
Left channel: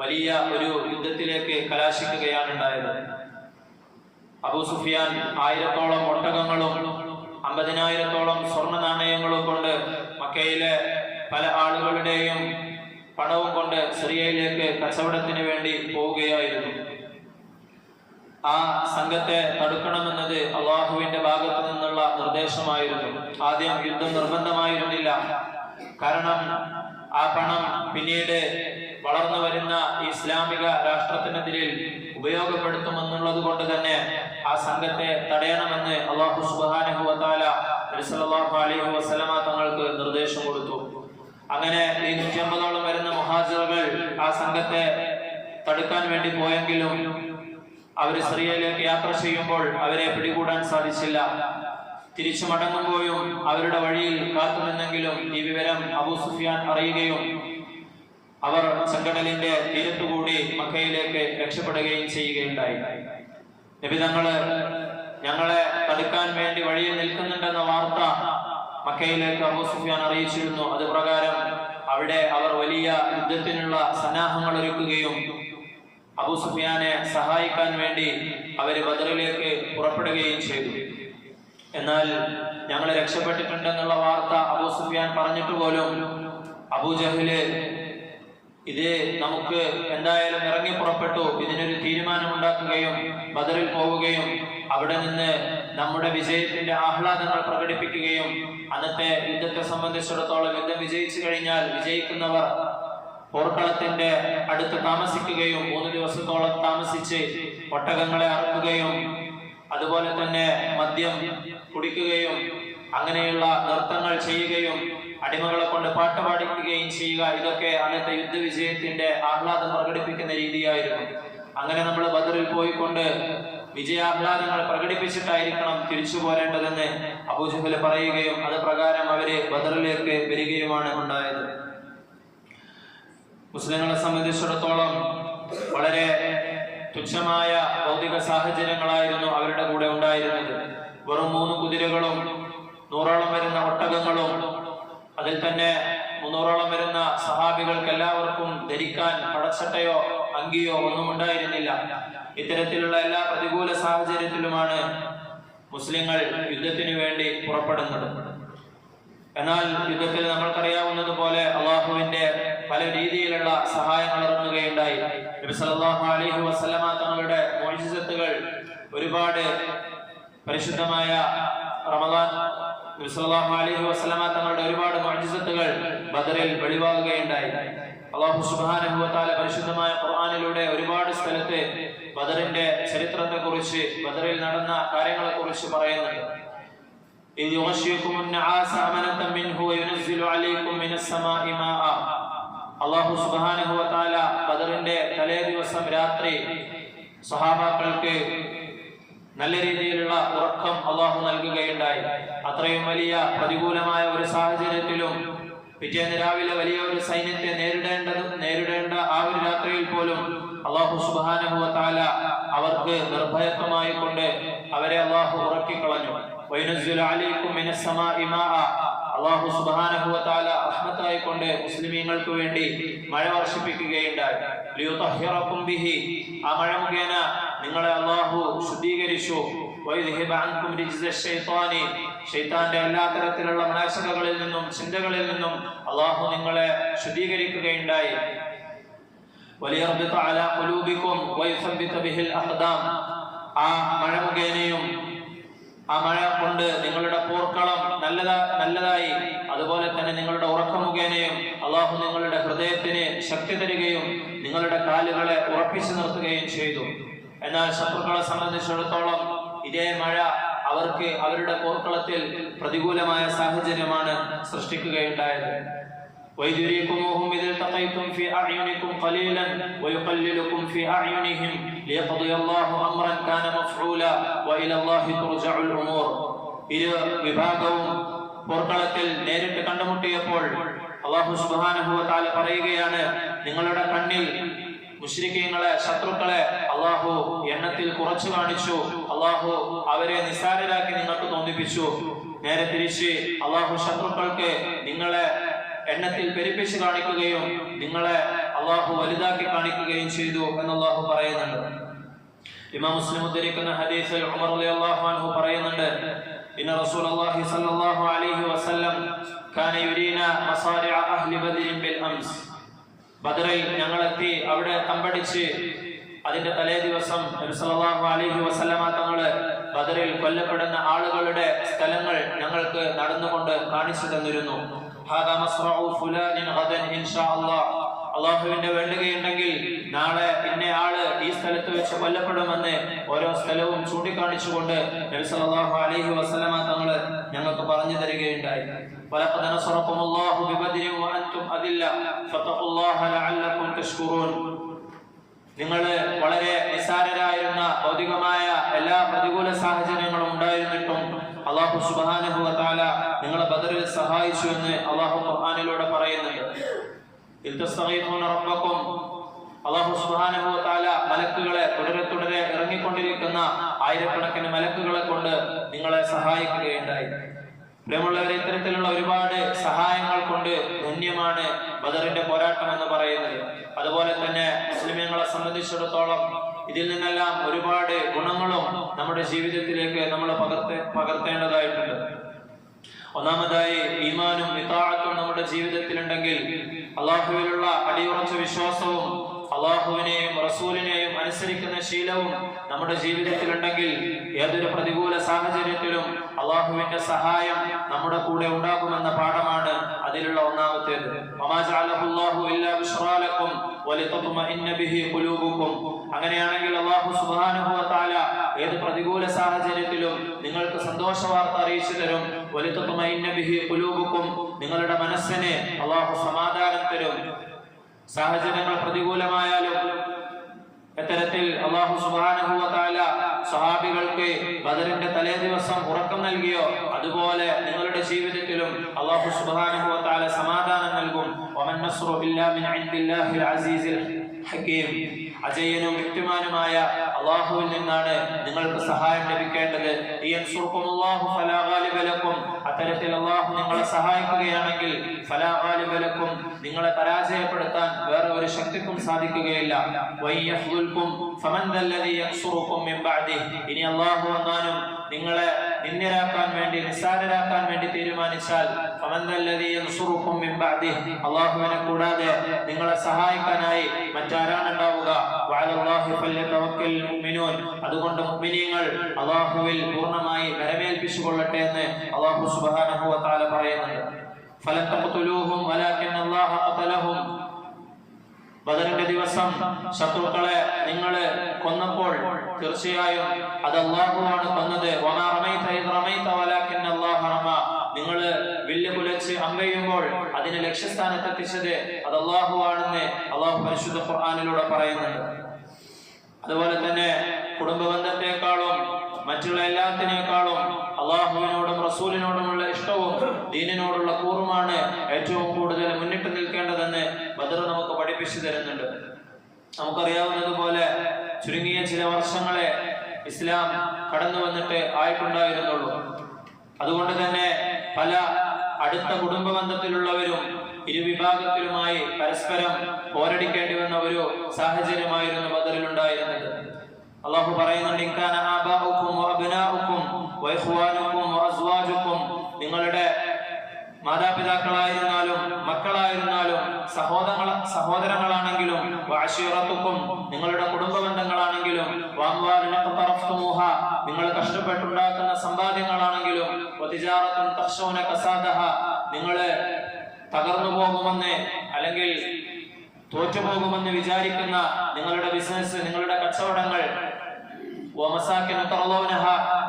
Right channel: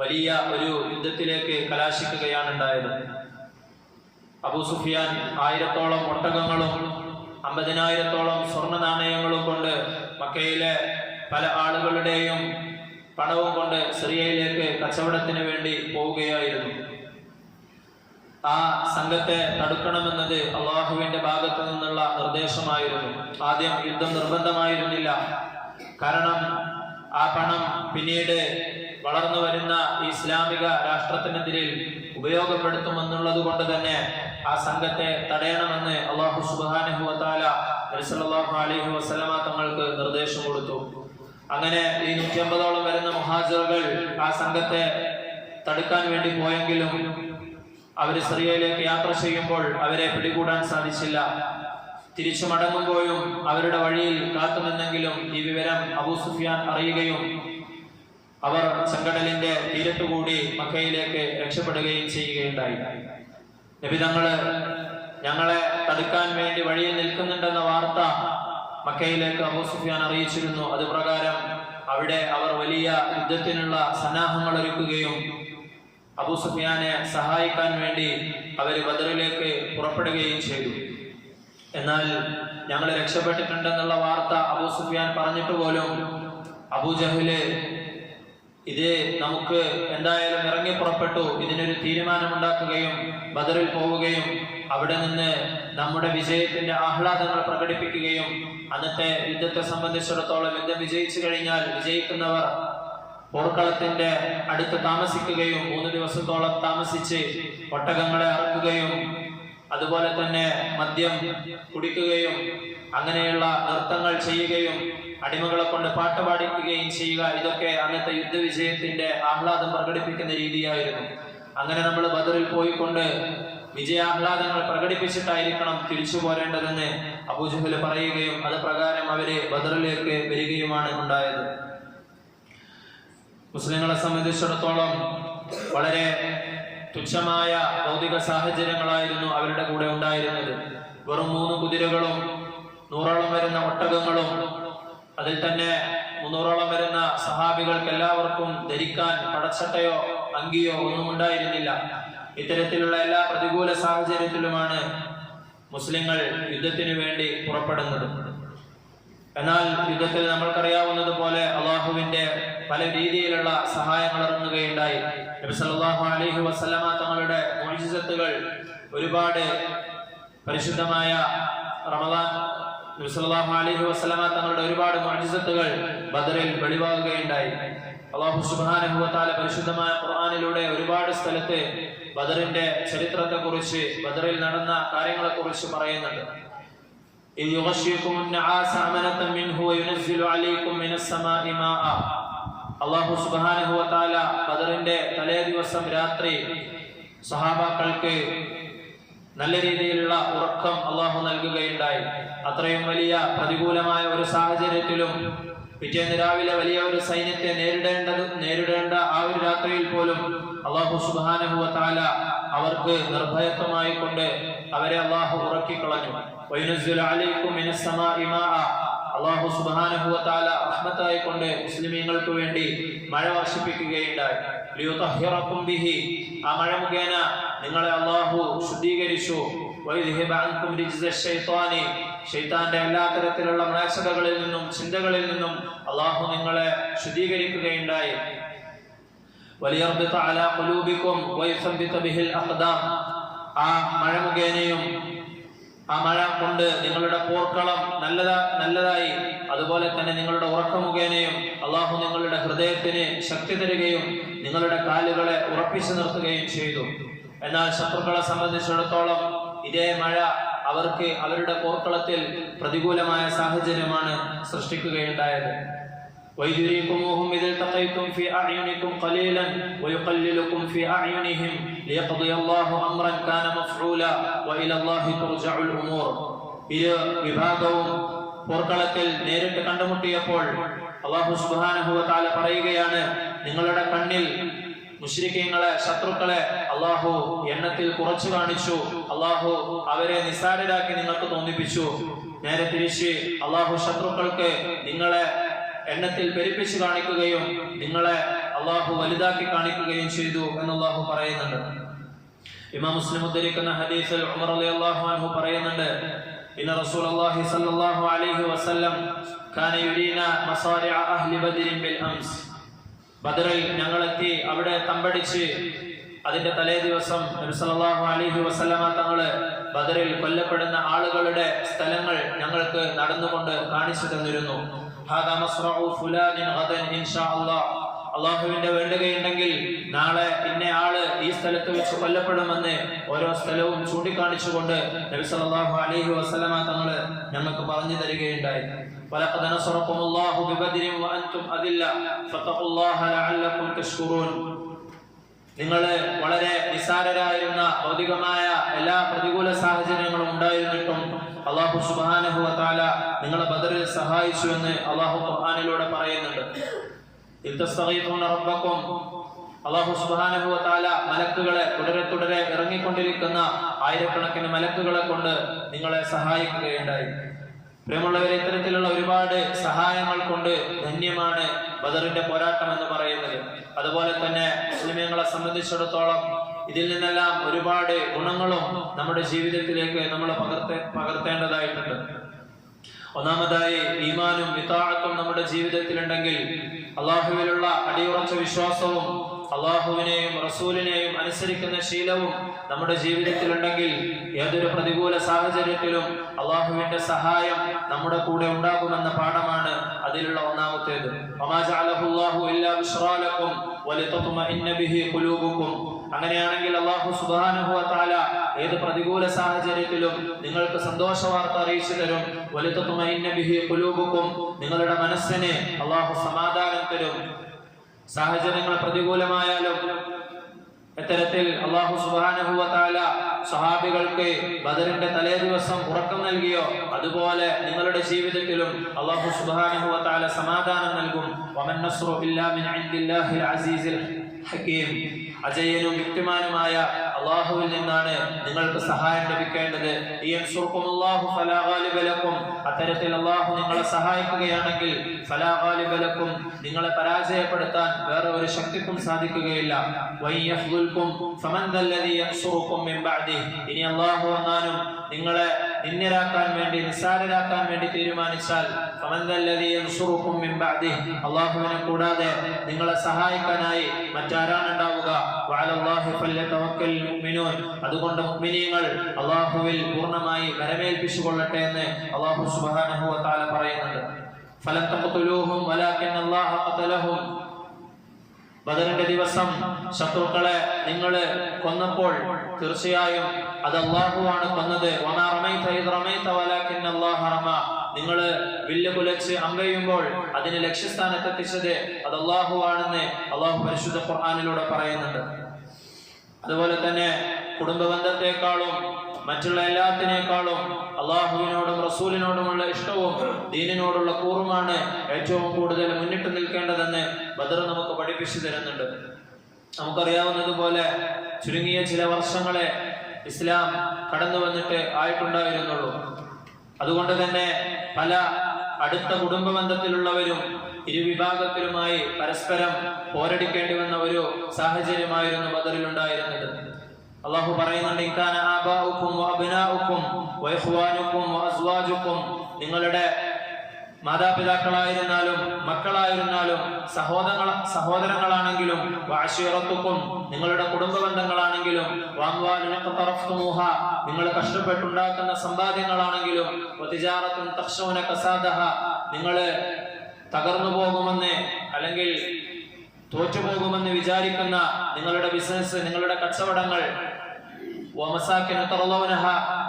വലിയ ഒരു യുദ്ധത്തിലേക്ക് കലാശിക്കുകയാണ് ഉണ്ടായത്. അബൂ സുഫിയാൻ 1000ഓളം ഒട്ടകങ്ങളും 50,000ഓളം സ്വർണ്ണ നാണയങ്ങളും കൊണ്ട് മക്കയിലെ പല ആളുകളുടെയും പണവും കൊണ്ട് സിറിയയിലേക്ക് കച്ചവടത്തിന് വേണ്ടി പോവുകയായിരുന്നു. ആ സംഘത്തെ തടുക്കണമെന്നത് അള്ളാഹുവിന്റെ ഭാഗത്തു നിന്നുള്ള നിർദ്ദേശമായിരുന്നു. ആദ്യം യുദ്ധം നിർബന്ധമായിരുന്നില്ല. കാരണം ആ പണം പിന്നീട് വളർന്നു വരുന്ന ഇസ്ലാമിക രാഷ്ട്രത്തിനെതിരിൽ ഉപയോഗപ്പെടുത്തുമെന്നുള്ളത് കൊണ്ട് തന്നെ ആ സംഘത്തെ തടയണമെന്ന് അല്ലാഹു സുബ്ഹാനഹു വ തആല നബി സല്ലല്ലാഹു അലൈഹി വസല്ലമ തങ്ങൾക്ക് നിർദ്ദേശം കൊടുത്തു. അങ്ങനെ ഈ 150ഓളം വരുന്ന മുഹാജിറുകൾ ആ സംഘത്തെ തടുക്കാൻ വേണ്ടി പോയെങ്കിലും അവര് സിറിയയിലേക്ക് യാത്ര ചെയ്യുമ്പോൾ അവരെ പിടികൂടാൻ സാധിച്ചില്ല. തിരിച്ചു മടങ്ങുമ്പോഴും അവരുടെ വഴിയിൽ കാത്തുനിന്നെങ്കിലും ഈ വിവരം അബൂ സുഫിയാൻ അറിയുകയും അവർ ചെങ്കടലിന്റെ തീരത്തുകൂടി മക്കയിലേക്ക് രക്ഷപ്പെടുകയും ചെയ്യുകയുണ്ടായി. നബി തങ്ങള് ഞങ്ങളെ അടുക്കാൻ വേണ്ടി വഴിയിൽ നിൽക്കുന്നുണ്ടെന്ന വാർത്ത മക്കയിലേക്ക് അബൂ സുഫിയാൻ അറിയിച്ചിരുന്നു. അത് പ്രകാരം അവിടെ അവർ വലിയ യുദ്ധത്തിനുള്ള സന്നാഹങ്ങൾ ഒരുക്കുകയും അബൂ സുഫിയാനെ സഹായിക്കാൻ വേണ്ടി അവര് ബദറിലേക്ക് പുറപ്പെടുകയും ചെയ്തു. എന്നാൽ ഞങ്ങൾ രക്ഷപ്പെട്ടിട്ടുണ്ടെന്നുള്ള വാർത്ത അബൂ സുഫിയാൻ പറഞ്ഞിട്ട് പോലും അബൂജഹല് ഇത് നമുക്ക് എന്തായാലും ഇറങ്ങി പുറപ്പെട്ടു, ഇതിനൊരു തീരുമാനമുണ്ടാക്കുകയും ബദറിൽ പോവുകയും അവിടെ നിന്ന് നമ്മുടെ വിജയത്തിന്റെ ആഹ്ലാദങ്ങൾ പ്രകടിപ്പിക്കുകയും അന്നത്തെ യുദ്ധത്തെ സംബന്ധിച്ചിടത്തോളം യുദ്ധം വിജയിച്ചു കഴിഞ്ഞാൽ വിജയിക്കുന്നവർ പോർക്കളത്തിന്റെ അടുത്ത് താമസിക്കുകയും 3 ദിവസത്തോളം താമസിച്ച് ഒട്ടകങ്ങളെ അറക്കുകയും അതുപോലെ തന്നെ മദ്യം കുടിക്കുകയും അങ്ങനെയുള്ള നൃത്തങ്ങൾ ചെയ്യുകയും അടിമകളെ കൊണ്ട് പാട്ട് പാടിക്കുകയും ചെയ്യുക, ഇതൊക്കെ അന്നത്തെ യുദ്ധവിജയത്തിന്റെ ആഹ്ലാദം പ്രകടിപ്പിക്കുന്ന രീതിയായിരുന്നു. അങ്ങനെ നമ്മൾ ബദറിൽ പോയിക്കൊണ്ട് വിജയാഹ്ലാദങ്ങൾ പ്രകടിപ്പിച്ചിട്ടായിരിക്കണം തിരിച്ചു പോരേണ്ടതെന്ന് അബൂജഹൽ പറയുകയും അത് പ്രകാരം അവര് ബദറിലേക്ക് വരികയുമാണ് ഉണ്ടായത്. മുസ്ലിങ്ങളെ സംബന്ധിച്ചിടത്തോളം വളരെ തുച്ഛമായ ഭൗതിക സാഹചര്യങ്ങളായിരുന്നു അവരുടെ കൂടെ ഉണ്ടായിരുന്നത്. വെറും 3 കുതിരകളും 100ഓളം വരുന്ന ഒട്ടകങ്ങളും അതിൽ തന്നെ 300ഓളം വരുന്ന സഹാബികൾക്ക് എല്ലാവർക്കും ധരിക്കാൻ പടച്ചട്ടയോ അങ്കിയോ ഒന്നും ഉണ്ടായിരുന്നില്ല. ഇത്തരത്തിലുള്ള എല്ലാ പ്രതികൂല സാഹചര്യത്തിലുമാണ് മുസ്ലിങ്ങൾ യുദ്ധത്തിനു വേണ്ടി പുറപ്പെടുന്നത്. എന്നാൽ യുദ്ധത്തിൽ നമ്മൾക്കറിയാവുന്നതുപോലെ അള്ളാഹുവിന്റെ പല രീതിയിലുള്ള സഹായങ്ങൾ ഇറങ്ങുകയുണ്ടായി. നബി സല്ലല്ലാഹു അലൈഹി വസല്ലമ തങ്ങളുടെ മുഅ്ജിസത്തുകൾ ഒരുപാട് പരിശുദ്ധമായ റമദാൻ നബി സല്ലല്ലാഹു അലൈഹി വസല്ലമ തങ്ങളുടെ ഒരുപാട് മുഅ്ജിസത്തുകൾ ബദറിൽ വെളിവാകുകയുണ്ടായി. അല്ലാഹു സുബ്ഹാനഹു വ തആല പരിശുദ്ധമായ ഖുർആനിലൂടെ ഒരുപാട് സ്ഥലത്ത് ബദറിന്റെ ചരിത്രത്തെക്കുറിച്ച് ബദറിൽ നടന്ന കാര്യങ്ങളെക്കുറിച്ച് പറയുന്നുണ്ട്. إذ يغشيكم النعاس أمنة منه وينزل عليكم من السماء ماء. അല്ലാഹു സുബ്ഹാനഹു വ തആല ബദറിന്റെ തലേ ദിവസം രാത്രി സഹാബാക്കൾക്ക് നല്ല രീതിയിലുള്ള ഉറക്കം അല്ലാഹു നൽകുകയുണ്ടായി. അത്രയും വലിയ പ്രതികൂലമായ ഒരു സാഹചര്യത്തിലും പിറ്റേന്ന് രാവിലെ വലിയ ഒരു സൈന്യത്തെ നേരിടേണ്ട ആ ഒരു രാത്രിയിൽ പോലും അല്ലാഹു സുബ്ഹാനഹു വ തആല അവർക്ക് നിർഭയത്വമായി കൊണ്ട് അവരെ അല്ലാഹു ഉറക്കിക്കളഞ്ഞു. വയനുസ്സിലു അലൈക്കും മിനസ് സമാഇ മാഅ. അല്ലാഹു സുബ്ഹാനഹു വ തആല റഹ്മത്തായി കൊണ്ട് മുസ്ലിമീങ്ങൾക്ക് വേണ്ടി മഴ വർഷിപ്പിക്കുകയുണ്ടായി. ലിയുതഹിറകും ബിഹി. ആ മഴ മുഖേന നിങ്ങളെ അല്ലാഹു ശുദ്ധീകരിച്ചു. വയദ്ഹിബ അൻകും റിജ്സ ശൈത്താനി. ശൈത്താന്റെ എല്ലാ തരത്തിലുള്ള മ്ലേച്ഛതകളിൽ നിന്നും ചിന്തകളിൽ നിന്നും അല്ലാഹു നിങ്ങളെ ശുദ്ധീകരിക്കുകയുണ്ടായി. വലിയർബിത അലാ ഖുലൂബികും വയുസബ്ബിത ബിഹിൽ അഖ്ദാം. ആ മഴ മുഖേനയും ആ മഴ കൊണ്ട് നിങ്ങളുടെ പോർക്കളം നല്ലതായി, അതുപോലെ തന്നെ നിങ്ങളുടെ ഉറക്കം മുഖേനയും അല്ലാഹു നിങ്ങളുടെ ഹൃദയത്തിന് ശക്തി തരികയും നിങ്ങളുടെ കാലുകളെ ഉറപ്പിച്ചു നിർത്തുകയും ചെയ്തു. എന്നാൽ ശത്രുക്കളെ സംബന്ധിച്ചിടത്തോളം ഇതേ മഴ അവർക്ക് അവരുടെ പോർക്കളത്തിൽ പ്രതികൂലമായ സാഹചര്യമാണ് സൃഷ്ടിക്കുകയുണ്ടായത്. وَيُرِيكُمُوهُمْ إِذِ الْتَقَيْتُمْ فِي أَعْيُنِكُمْ قَلِيلًا وَيُقَلِّلُكُمْ فِي أَعْيُنِهِمْ لِيَقْضِيَ اللَّهُ أَمْرًا كَانَ مَفْعُولًا وَإِلَى اللَّهِ تُرْجَعُ الْأُمُورُ. ഇരു വിഭാഗവും പോർക്കളത്തിൽ നേരിട്ട് കണ്ടുമുട്ടിയപ്പോൾ അല്ലാഹു സുബ്ഹാനഹു വ തആല പറയുകയാണ്, നിങ്ങളുടെ കണ്ണിൽ മുശ്രിക്കീങ്ങളെ ശത്രുക്കളെ അല്ലാഹു എണ്ണത്തിൽ കുറച്ചു കാണിച്ചു, അല്ലാഹു അവരെ നിസ്സാരരാക്കി നിങ്ങൾക്ക് തോന്നിപ്പിച്ചു. നേരെ തിരിച്ച് അല്ലാഹു ശത്രുക്കൾക്ക് നിങ്ങളെ എണ്ണത്തിൽ പെരുപ്പിച്ച് കാണിക്കുകയും നിങ്ങളെ അല്ലാഹു വലുതാക്കി കാണിക്കുകയും ചെയ്തു എന്ന് അല്ലാഹു പറയുന്നുണ്ട്. ഇമാം മുസ്ലിം ഉദ്ധരിക്കുന്ന ഹദീസിൽ ഉമർ റളിയല്ലാഹു അൻഹു പറയുന്നുണ്ട്, ഇന്ന റസൂലുള്ളാഹി സ്വല്ലല്ലാഹു അലൈഹി വസല്ലം കാന യുരീന മസാരിഅ അഹ്ലി ബദരിൻ ബിൽ അംസ്. ബദറിൽ ഞങ്ങളെത്തി അവിടെ തമ്പടിച്ച് അതിന്റെ തലേ ദിവസം നബി സല്ലല്ലാഹു അലൈഹി വസല്ലമ തങ്ങള് ബദറിൽ കൊല്ലപ്പെടുന്ന ആളുകളുടെ സ്ഥലങ്ങൾ ഞങ്ങൾക്ക് നടന്നുകൊണ്ട് കാണിച്ചു തന്നിരുന്നു. ഹാദാ മസ്റഉ ഫുലാനിൻ ഗദൻ ഇൻഷാ അല്ലാഹ്. അല്ലാഹുവിന്റെ വേണ്ടുകയുണ്ടെങ്കിൽ നാളെ ഇന്ന ആള് ഈ സ്ഥലത്ത് വെച്ച് കൊല്ലപ്പെടുമെന്ന് ഓരോ സ്ഥലവും ചൂണ്ടിക്കാണിച്ചുകൊണ്ട് നബി സല്ലല്ലാഹു അലൈഹി വസല്ലമ തങ്ങള് ഞങ്ങൾക്ക് പറഞ്ഞു തരികയുണ്ടായി. വലഖദ് നസറകുമുല്ലാഹു ബിബദ്രിൻ വഅൻതും അദില്ല ഫതഖുല്ലാഹ ലഅല്ലകും തഷ്കുറൂൻ. നിങ്ങൾ വളരെ നിസ്സാരരായിരുന്ന ഭൗതികമായ എല്ലാ പ്രതികൂല സാഹചര്യങ്ങളും ഉണ്ടായിരുന്നിട്ടും അല്ലാഹു സുബ്ഹാനഹു വ തആല നിങ്ങളെ ബദറിൽ സഹായിച്ചു എന്ന് അല്ലാഹു ഖുർആനിലൂടെ പറയുന്നുണ്ട്. ഇൽതസ്തഗീഫൂന റബ്ബക്കും. അല്ലാഹു സുബ്ഹാനഹു വ തആല മലക്കുകളെ തുടരെ ഇറങ്ങിക്കൊണ്ടിരിക്കുന്ന ആയിരക്കണക്കിന് മലക്കുകളെ കൊണ്ട് നിങ്ങളെ സഹായിക്കുകയുണ്ടായി. പ്രിയമുള്ളവരെ, ഇത്തരത്തിലുള്ള ഒരുപാട് സഹായങ്ങൾ കൊണ്ട് ധന്യമാണ് ബദറിന്റെ പോരാട്ടം എന്ന് പറയുന്നത്. അതുപോലെ തന്നെ മുസ്ലിമീങ്ങളെ സംബന്ധിച്ചിടത്തോളം ഇതിൽ നിന്നെല്ലാം ഒരുപാട് ഗുണങ്ങളും നമ്മുടെ ജീവിതത്തിലേക്ക് നമ്മൾ പകർത്തേണ്ടതായിട്ടുണ്ട്. ഒന്നാമതായി ഈമാനും ഇതാഅത്തും നമ്മുടെ ജീവിതത്തിലുണ്ടെങ്കിൽ, അള്ളാഹുവിലുള്ള അടിയുറച്ച വിശ്വാസവും അള്ളാഹുവിനെയും റസൂലിനെയും അനുസരിക്കുന്ന ശീലവും നമ്മുടെ ജീവിതത്തിലുണ്ടെങ്കിൽ ഏതൊരു പ്രതികൂല സാഹചര്യത്തിലും അള്ളാഹുവിന്റെ സഹായം നമ്മുടെ കൂടെ ഉണ്ടാകുമെന്ന പാഠമാണ് അതിലുള്ള ഒന്നാമത്തേത്. അങ്ങനെയാണെങ്കിൽ അള്ളാഹു സുബ്ഹാനഹു വ തആല ഏത് പ്രതികൂല സാഹചര്യത്തിലും നിങ്ങൾക്ക് സന്തോഷ വാർത്ത അറിയിച്ചു തരും. വലിതത്മഇന്ന ബിഹി ഖുലൂബുകും, നിങ്ങളുടെ മനസ്സിന് അള്ളാഹു സമാധാനം തരും. സാഹചര്യങ്ങൾ പ്രതികൂലമായാലും ഇത്തരത്തിൽ അല്ലാഹു സുബ്ഹാനഹു വ തആല സ്വഹാബികൾക്ക് ബദറിന്റെ തലേ ദിവസം ഉറക്കം നൽകിയോ അതുപോലെ നിങ്ങളുടെ ജീവിതത്തിലും അല്ലാഹു സുബ്ഹാനഹു വ തആല സമാധാനം നൽകും. വമൻ നസ്റു ഇല്ലാ മിൻ ഇൻദില്ലാഹിൽ അസീസിൽ ഹകീം, അജയ്യനും യുക്തിമാനുമായ അള്ളാഹുവിൽ നിന്നാണ് നിങ്ങൾക്ക് സഹായം ലഭിക്കേണ്ടത്. അത്തരത്തിൽ അള്ളാഹു നിങ്ങളെ സഹായിക്കുകയാണെങ്കിൽ ഫലാ ഗാലിബ ലക്കും, നിങ്ങളെ പരാജയപ്പെടുത്താൻ വേറെ ഒരു ശക്തിക്കും സാധിക്കുകയില്ല. ഇനി അള്ളാഹു എങ്ങാനും നിങ്ങളെ നിന്ദ്യരാക്കാൻ വേണ്ടി, നിസ്സാരരാക്കാൻ വേണ്ടി തീരുമാനിച്ചാൽ അള്ളാഹുവിനെ കൂടാതെ നിങ്ങളെ സഹായിക്കാനായി മറ്റാരാണ് ഉണ്ടാവുക? അതുകൊണ്ട് മുഅ്മിനീങ്ങൾ അള്ളാഹുവിൽ പൂർണ്ണമായി വരവേൽപ്പിച്ചു കൊള്ളട്ടെ എന്ന് അള്ളാഹു സുബ്ഹാനഹു വ തആല പറയുന്നുണ്ട്. ഫലൻ തഖ്തുലൂഹും വലാകിൻ അല്ലാഹ ഖതലഹും, ബദറിന്റെ ദിവസം ശത്രുക്കളെ നിങ്ങൾ കൊന്നപ്പോൾ തീർച്ചയായും അത് അല്ലാഹുവാണ് കൊന്നത്. വമാ റമൈത ഇദ് റമൈത വലാകിൻ അല്ലാഹ റമ, നിങ്ങൾ വില്ല് കുലച്ച് അമ്പെയ്യുമ്പോൾ അതിന് ലക്ഷ്യസ്ഥാനത്തെത്തിച്ചത് അത് അല്ലാഹുവാണെന്ന് അല്ലാഹു പരിശുദ്ധ ഖുർആനിലൂടെ പറയുന്നുണ്ട്. അതുപോലെ തന്നെ കുടുംബബന്ധത്തെക്കാളും മറ്റുള്ള എല്ലാത്തിനേക്കാളും അള്ളാഹുവിനോടും റസൂലിനോടുമുള്ള ഇഷ്ടവും ദീനിനോടുള്ള കൂറുമാണ് ഏറ്റവും കൂടുതൽ മുന്നിട്ട് നിൽക്കേണ്ടതെന്ന് ബദർ നമുക്ക് പഠിപ്പിച്ചു തരുന്നുണ്ട്. നമുക്കറിയാവുന്നതുപോലെ ചുരുങ്ങിയ ചില വർഷങ്ങളെ ഇസ്ലാം കടന്നു വന്നിട്ട് ആയിട്ടുണ്ടായിരുന്നുള്ളൂ. അതുകൊണ്ട് തന്നെ പല അടുത്ത കുടുംബ ബന്ധത്തിലുള്ളവരും ഇരുവിഭാഗത്തിലുമായി പരസ്പരം പോരടിക്കേണ്ടി വന്ന ഒരു സാഹചര്യമായിരുന്നു ബദറിലുണ്ടായിരുന്നത്. അള്ളാഹു പറയുന്നുണ്ട്, ഇൻകാന ആബാഉക്കും വഅബ്നാഉക്കും വഇഖ്വാനുക്കും വഅസ്വാജുക്കും, നിങ്ങളുടെ മാതാപിതാക്കളായിരുന്നാലും മക്കളായിരുന്നാലും സഹോദരങ്ങളാണെങ്കിലും വഅശീറത്തുക്കും, നിങ്ങളുടെ കുടുംബ ബന്ധങ്ങളാണെങ്കിലും വഅംവാലുൻ ഖതറഫ്തുമൂഹ, നിങ്ങൾ കഷ്ടപ്പെട്ടുണ്ടാക്കുന്ന സമ്പാദ്യങ്ങളാണെങ്കിലും വതിജാറത്തുൻ തഖ്ശൂന കസാദഹ, നിങ്ങൾ തകർന്നു പോകുമെന്ന് അല്ലെങ്കിൽ തോറ്റുപോകുമെന്ന് വിചാരിക്കുന്ന നിങ്ങളുടെ ബിസിനസ്, നിങ്ങളുടെ കച്ചവടങ്ങൾ,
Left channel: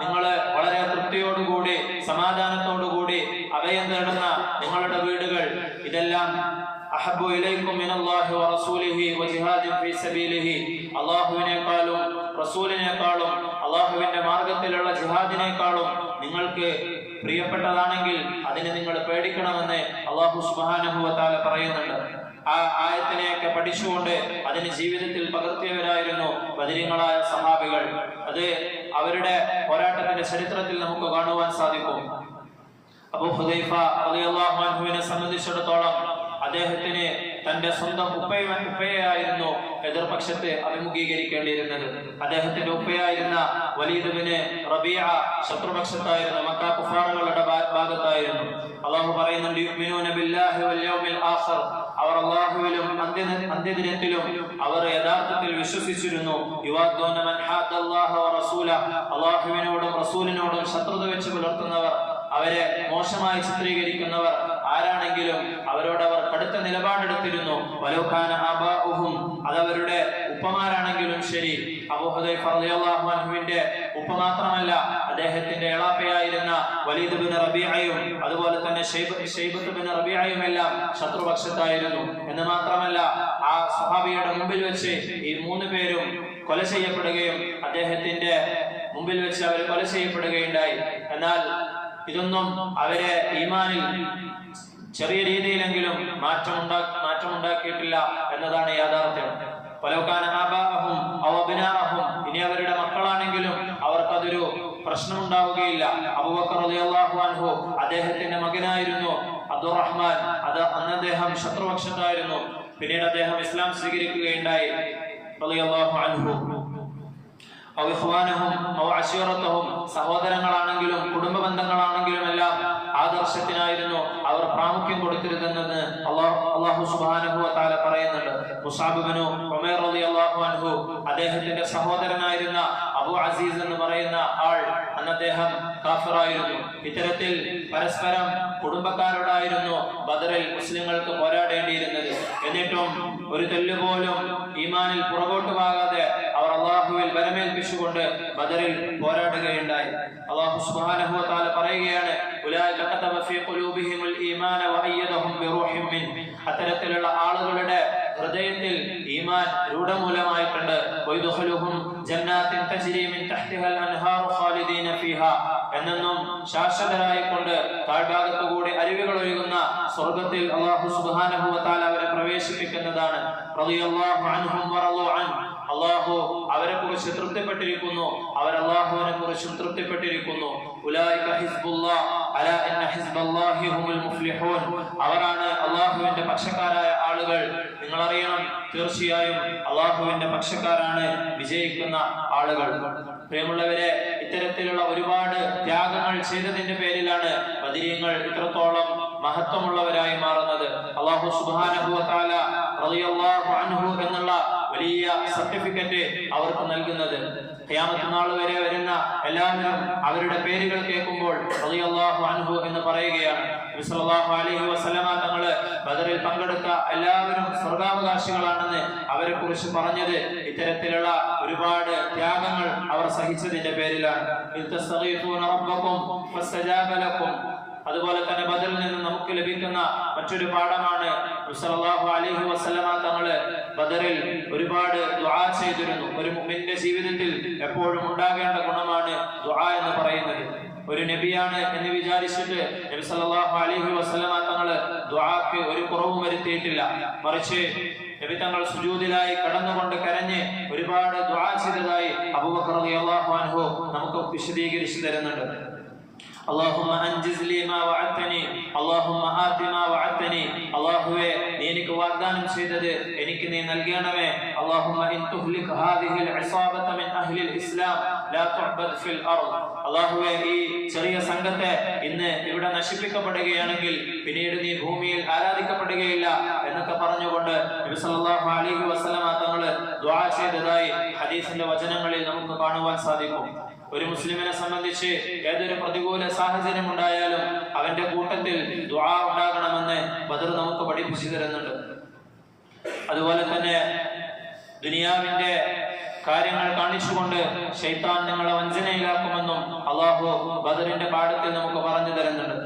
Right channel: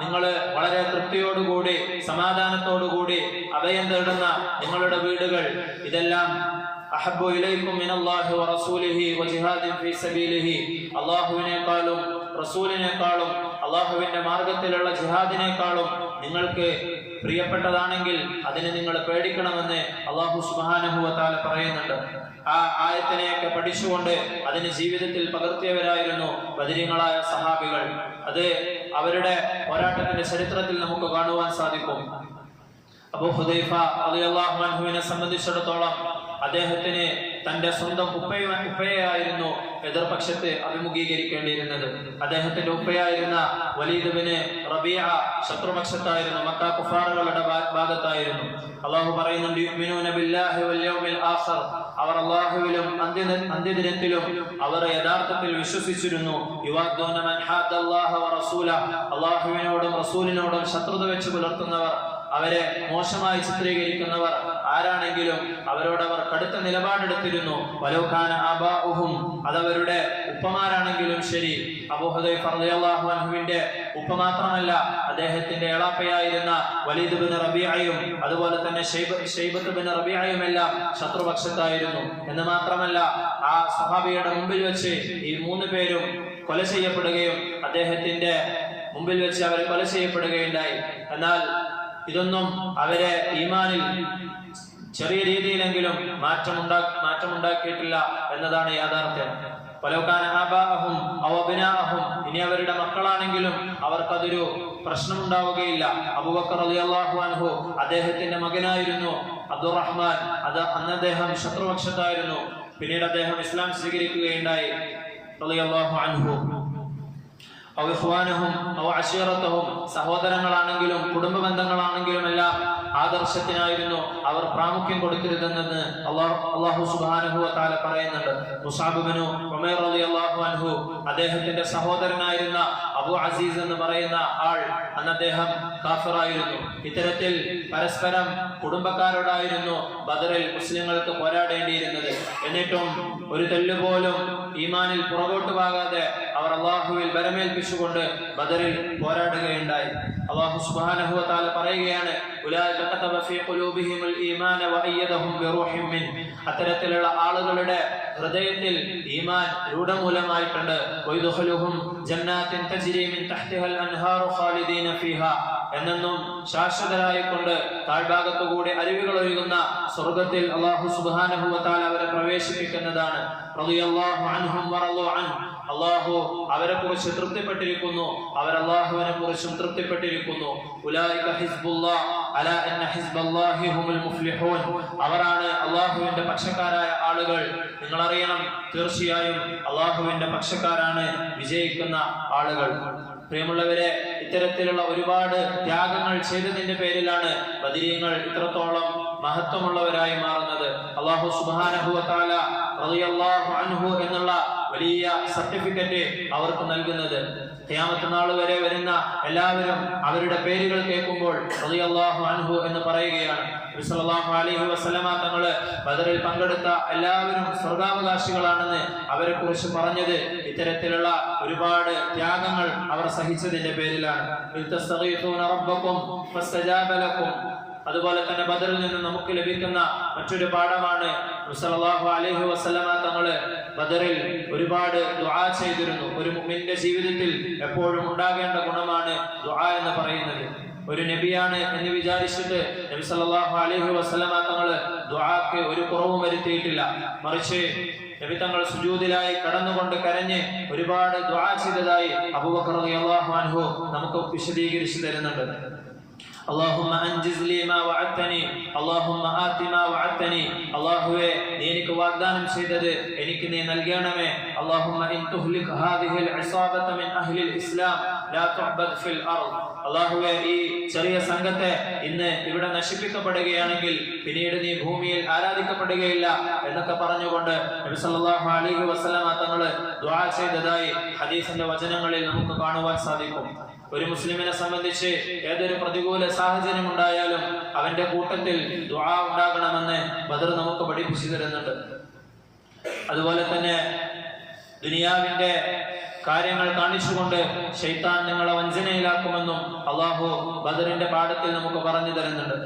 നിങ്ങൾ വളരെ തൃപ്തിയോടുകൂടി സമാധാനത്തോടുകൂടി അഭയം തേടുന്ന നിങ്ങളുടെ വീടുകൾ, ഇതെല്ലാം അഹബ്ബു ഇലൈക്കും മിനല്ലാഹി വറസൂലിഹി വജിഹാദിൻ ഫീ സബീലിഹി, അല്ലാഹുവിനേക്കാളും റസൂലിനേക്കാളും അല്ലാഹുവിന്റെ മാർഗത്തിലുള്ള ജിഹാദിനേക്കാളും നിങ്ങൾക്ക് പ്രിയപ്പെട്ടതാണെങ്കിൽ അതിനെ നിങ്ങൾ പേടിക്കണമെന്ന് അല്ലാഹു സുബ്ഹാനഹു വ തആല പറയുന്നുണ്ട്. ആ ആയത്തിനെയൊക്കെ പഠിച്ചുകൊണ്ട് അതിന് ജീവിതത്തിൽ പകർത്തിയവരായിരുന്നു ബദരീങ്ങളായ സഹാബികൾ. അത് അവരുടെ പോരാട്ടത്തിന്റെ ചരിത്രത്തിൽ നമുക്ക് കാണുവാൻ സാധിക്കും. അബൂ ഹുദൈഫ റളിയല്ലാഹു അൻഹുവിനെ സംബന്ധിച്ചിടത്തോളം അദ്ദേഹത്തിന് തന്റെ സ്വന്തം ഉപ്പയായിരുന്നു എതിർപക്ഷത്തെ അഭിമുഖീകരിക്കേണ്ടിയിരുന്നത്. അദ്ദേഹത്തിന്റെ ഉപ്പയായിരുന്ന വലീദ് ബിൻ റബീഅ ശത്രുപക്ഷത്തായിരുന്നു, മക്ക കുഫാറുകളുടെ ഭാഗത്തായിരുന്നു. അല്ലാഹു പറയുന്നുണ്ട്, യുഅ്മിനൂന ബില്ലാഹി വൽ യൗമിൽ ആഖിർ, അവർ അല്ലാഹുവിലും അന്ത്യദിനത്തിലും അവർ യഥാർത്ഥത്തിൽ വിശ്വസിച്ചിരുന്നു. യുവാദ്ദൂന മൻ ഹാദ്ദല്ലാഹ വറസൂലഹു, അല്ലാഹുവിനോടും റസൂലിനോടും ശത്രുത വെച്ച് പുലർത്തുന്നവർ, അവരെ മോശമായി ചിത്രീകരിക്കുന്നവർ ആരാണെങ്കിലും അവരോട് അവർ കടുത്ത നിലപാടെടുത്തിരുന്നു. വലൗകാന ആബാഉഹും, അതവരുടെ ഉപ്പമാരാണെങ്കിലും ശരി. അബൂ ഹുദൈഫ റളിയല്ലാഹു അൻഹുവിന്റെ ഉപ്പ മാത്രമല്ല, അദ്ദേഹത്തിന്റെ എളാപ്പയായിരുന്ന വലീദ് ബിൻ റബീഅയും അതുപോലെ തന്നെ ശൈബത്ത് ബിൻ റബീഅയും എല്ലാം ശത്രുപക്ഷത്തായിരുന്നു. എന്ന് മാത്രമല്ല, ആ സഹാബിയുടെ മുമ്പിൽ വെച്ച് ഈ മൂന്ന് പേരും കൊല ചെയ്യപ്പെടുകയും അദ്ദേഹത്തിന്റെ മുമ്പിൽ വെച്ച് അവർ കൊല ചെയ്യപ്പെടുകയുണ്ടായി. എന്നാൽ ഇതൊന്നും അവരെ ഈമാനിൽ ചെറിയ രീതിയിലെങ്കിലും മാറ്റമുണ്ടാക്കിയിട്ടില്ല എന്നതാണ് യാഥാർത്ഥ്യം. ഇനി അവരുടെ മക്കളാണെങ്കിലും അവർക്കതൊരു പ്രശ്നമുണ്ടാവുകയില്ല. അബൂബക്കർ റളിയല്ലാഹു അൻഹു അദ്ദേഹത്തിന്റെ മകനായിരുന്നു അബ്ദുറഹ്മാൻ. അന്ന് അദ്ദേഹം ശത്രുപക്ഷത്തായിരുന്നു. പിന്നീട് അദ്ദേഹം ഇസ്ലാം സ്വീകരിക്കുകയുണ്ടായി റളിയല്ലാഹു അൻഹു. സഹോദരങ്ങളാണെങ്കിലും കുടുംബ ബന്ധങ്ങളാണെങ്കിലും എല്ലാം ആദർശത്തിനായിരുന്നു അവർ പ്രാമുഖ്യം കൊടുത്തിരുന്നെന്ന് അല്ലാഹു സുബ്ഹാനഹു വ തആല പറയുന്നുണ്ട്. മുസ്അബ് ഇബ്നു ഉമൈർ റളിയല്ലാഹു അൻഹു അദ്ദേഹത്തിന്റെ സഹോദരനായിരുന്ന അബൂ അസീസ് എന്ന് പറയുന്ന ആൾ അന്ന് അദ്ദേഹം കാഫിറായിരുന്നു. ഇത്തരത്തിൽ പരസ്പരം കുടുംബക്കാരോടായിരുന്നു ബദറിൽ മുസ്ലിങ്ങൾക്ക് പോരാടേണ്ടിയിരുന്നത്. എന്നിട്ടും ഒരു തെല്ലുപോലും ഈമാനിൽ പുറകോട്ട് പോകാതെ അവർ അല്ലാഹുവിൽ ബലമേൽപ്പിച്ചുകൊണ്ട് ബദറിൽ പോരാടുകയുണ്ടായി. അല്ലാഹു സുബ്ഹാനഹു വ തആല പറയുകയാണ്, ഉലൈക കതബ ഫീ ഖുലൂബിഹിമുൽ ഈമാന വഅയ്യദഹും ബിറൂഹിൻ മിൻ. അത്തരത്തിലുള്ള ആളുകളുടെ ഹൃദയത്തിൽ ഈമാൻ രൂഢമൂലമായിട്ടുണ്ട്. വയദ്ഖുലുഹും ജന്നാത്തിൻ തജ്രി മിൻ തഹ്തിഹൽ അൻഹാറു ഖാലിദീന ഫീഹാ. എന്നും ശാശ്വതരായിക്കൊണ്ട് താഴ്ഭാഗത്തുകൂടി അരുവികൾ ഒഴുകുന്ന സ്വർഗ്ഗത്തിൽ അല്ലാഹു സുബ്ഹാനഹു വ തആല അവരെ പ്രവേശിപ്പിക്കുന്നതാണ്. റളിയല്ലാഹു അൻഹും വറളൂ അൻഹു. അല്ലാഹു അവരെ കുറിച്ച് തൃപ്തിപ്പെട്ടിരിക്കുന്നു, അവർ അല്ലാഹുവിനെ കുറിച്ചും തൃപ്തിപ്പെട്ടിരിക്കുന്നു. ഉലൈക ഹിസ്ബുല്ലാഹ് അലാ ഇന്ന ഹിസ്ബല്ലാഹി ഹുമുൽ മുഫ്ലിഹൂൻ. അവരാണ് അല്ലാഹുവിന്റെ പക്ഷക്കാരായ ആളുകൾ. നിങ്ങൾ അറിയണം, തീർച്ചയായും അല്ലാഹുവിന്റെ പക്ഷക്കാരാണ് വിജയിക്കുന്ന ആളുകൾ. പ്രിയമുള്ളവരെ, ഇത്തരത്തിലുള്ള ഒരുപാട് ത്യാഗങ്ങൾ ചെയ്തതിന്റെ പേരിലാണ് ബദരീങ്ങൾ ഇത്രത്തോളം മഹത്വമുള്ളവരായി മാറുന്നത്. അല്ലാഹു സുബ്ഹാനഹു വ തആല റളിയല്ലാഹു അൻഹു എന്നുള്ള വലിയ സർട്ടിഫിക്കറ്റ് അവർക്ക് നൽകുന്നത്. ഖിയാമത്ത് നാൾ വരെ വരുന്ന എല്ലാവരും അവരുടെ പേരുകൾ കേൾക്കുമ്പോൾ റളിയല്ലാഹു അൻഹു എന്ന് പറയുകയാണ്. നബി സല്ലല്ലാഹു അലൈഹി വസല്ലമ തങ്ങള് ബദറിൽ പങ്കെടുത്ത എല്ലാവരും സ്വർഗ്ഗാവകാശികളാണെന്ന് അവരെ കുറിച്ച് പറഞ്ഞത് ഇത്തരത്തിലുള്ള ഒരുപാട് ത്യാഗങ്ങൾ അവർ സഹിച്ചതിന്റെ പേരിലാണ്. അതുപോലെ തന്നെ ബദറിൽ നിന്ന് നമുക്ക് ലഭിക്കുന്ന മറ്റൊരു പാഠമാണ്, സല്ലല്ലാഹു അലൈഹി വസല്ലമ തങ്ങള് ബദറിൽ ഒരുപാട് ദുആ ചെയ്തിരുന്നു. ഒരു മുഅ്മിന്റെ ജീവിതത്തിൽ എപ്പോഴും ഉണ്ടാകേണ്ട ഗുണമാണ് ദുആ എന്ന് പറയുന്നത്. ഒരു നബിയാണ് എന്ന് വിചാരിച്ചിട്ട് നബി സല്ലല്ലാഹു അലൈഹി വസല്ലമ തങ്ങള് ദുആക്ക് ഒരു കുറവും വരുത്തിയിട്ടില്ല. മറിച്ച് നബി തങ്ങൾ സുജൂദിലായി കടന്നുകൊണ്ട് കരഞ്ഞ് ഒരുപാട് ദുആ ചെയ്തതായി അബൂബക്കർ റളിയല്ലാഹു അൻഹു നമുക്ക് വിശദീകരിച്ചു തരുന്നുണ്ട്. اللهم انجز لي ما وعدتني اللهم آت ما وعدتني. അല്ലാഹുവേ, നീ എനിക്ക് വാഗ്ദാനം ചെയ്തത് എനിക്ക് നീ നൽകണമേ. اللهم ان تهلك هذه العصابة من اهل الاسلام لا تعبد في الارض. അല്ലാഹുവേ, ഈ ചെറിയ സംഘത്തെ ഇന്ന് ഇവിടെ നശിപ്പിക്കപ്പെടുകയാണെങ്കിൽ പിന്നീട് നീ ഭൂമിയിൽ ആരാധിക്കപ്പെടുകയില്ല എന്നൊക്കെ പറഞ്ഞുകൊണ്ട് നബി സല്ലല്ലാഹു അലൈഹി വസല്ലമ തങ്ങള് ദുആ ചെയ്തതായി ഹദീസിന്റെ വചനങ്ങളിൽ നമുക്ക് കാണുവാൻ സാധിക്കും. ഒരു മുസ്ലിമിനെ സംബന്ധിച്ച് ഏതൊരു പ്രതികൂല സാഹചര്യം ഉണ്ടായാലും അവന്റെ കൂട്ടത്തിൽ ദുആ ഉണ്ടാകണമെന്ന് ബദർ നമുക്ക് പഠിപ്പിച്ചു തരുന്നുണ്ട്. അതുപോലെ തന്നെ ദുനിയാവിന്റെ കാര്യങ്ങൾ കാണിച്ചുകൊണ്ട് ശൈത്താൻ നിങ്ങളെ വഞ്ചനയിലാക്കുമെന്നും അല്ലാഹു ബദറിന്റെ പാഠത്തിൽ നമുക്ക് പറഞ്ഞു തരുന്നുണ്ട്.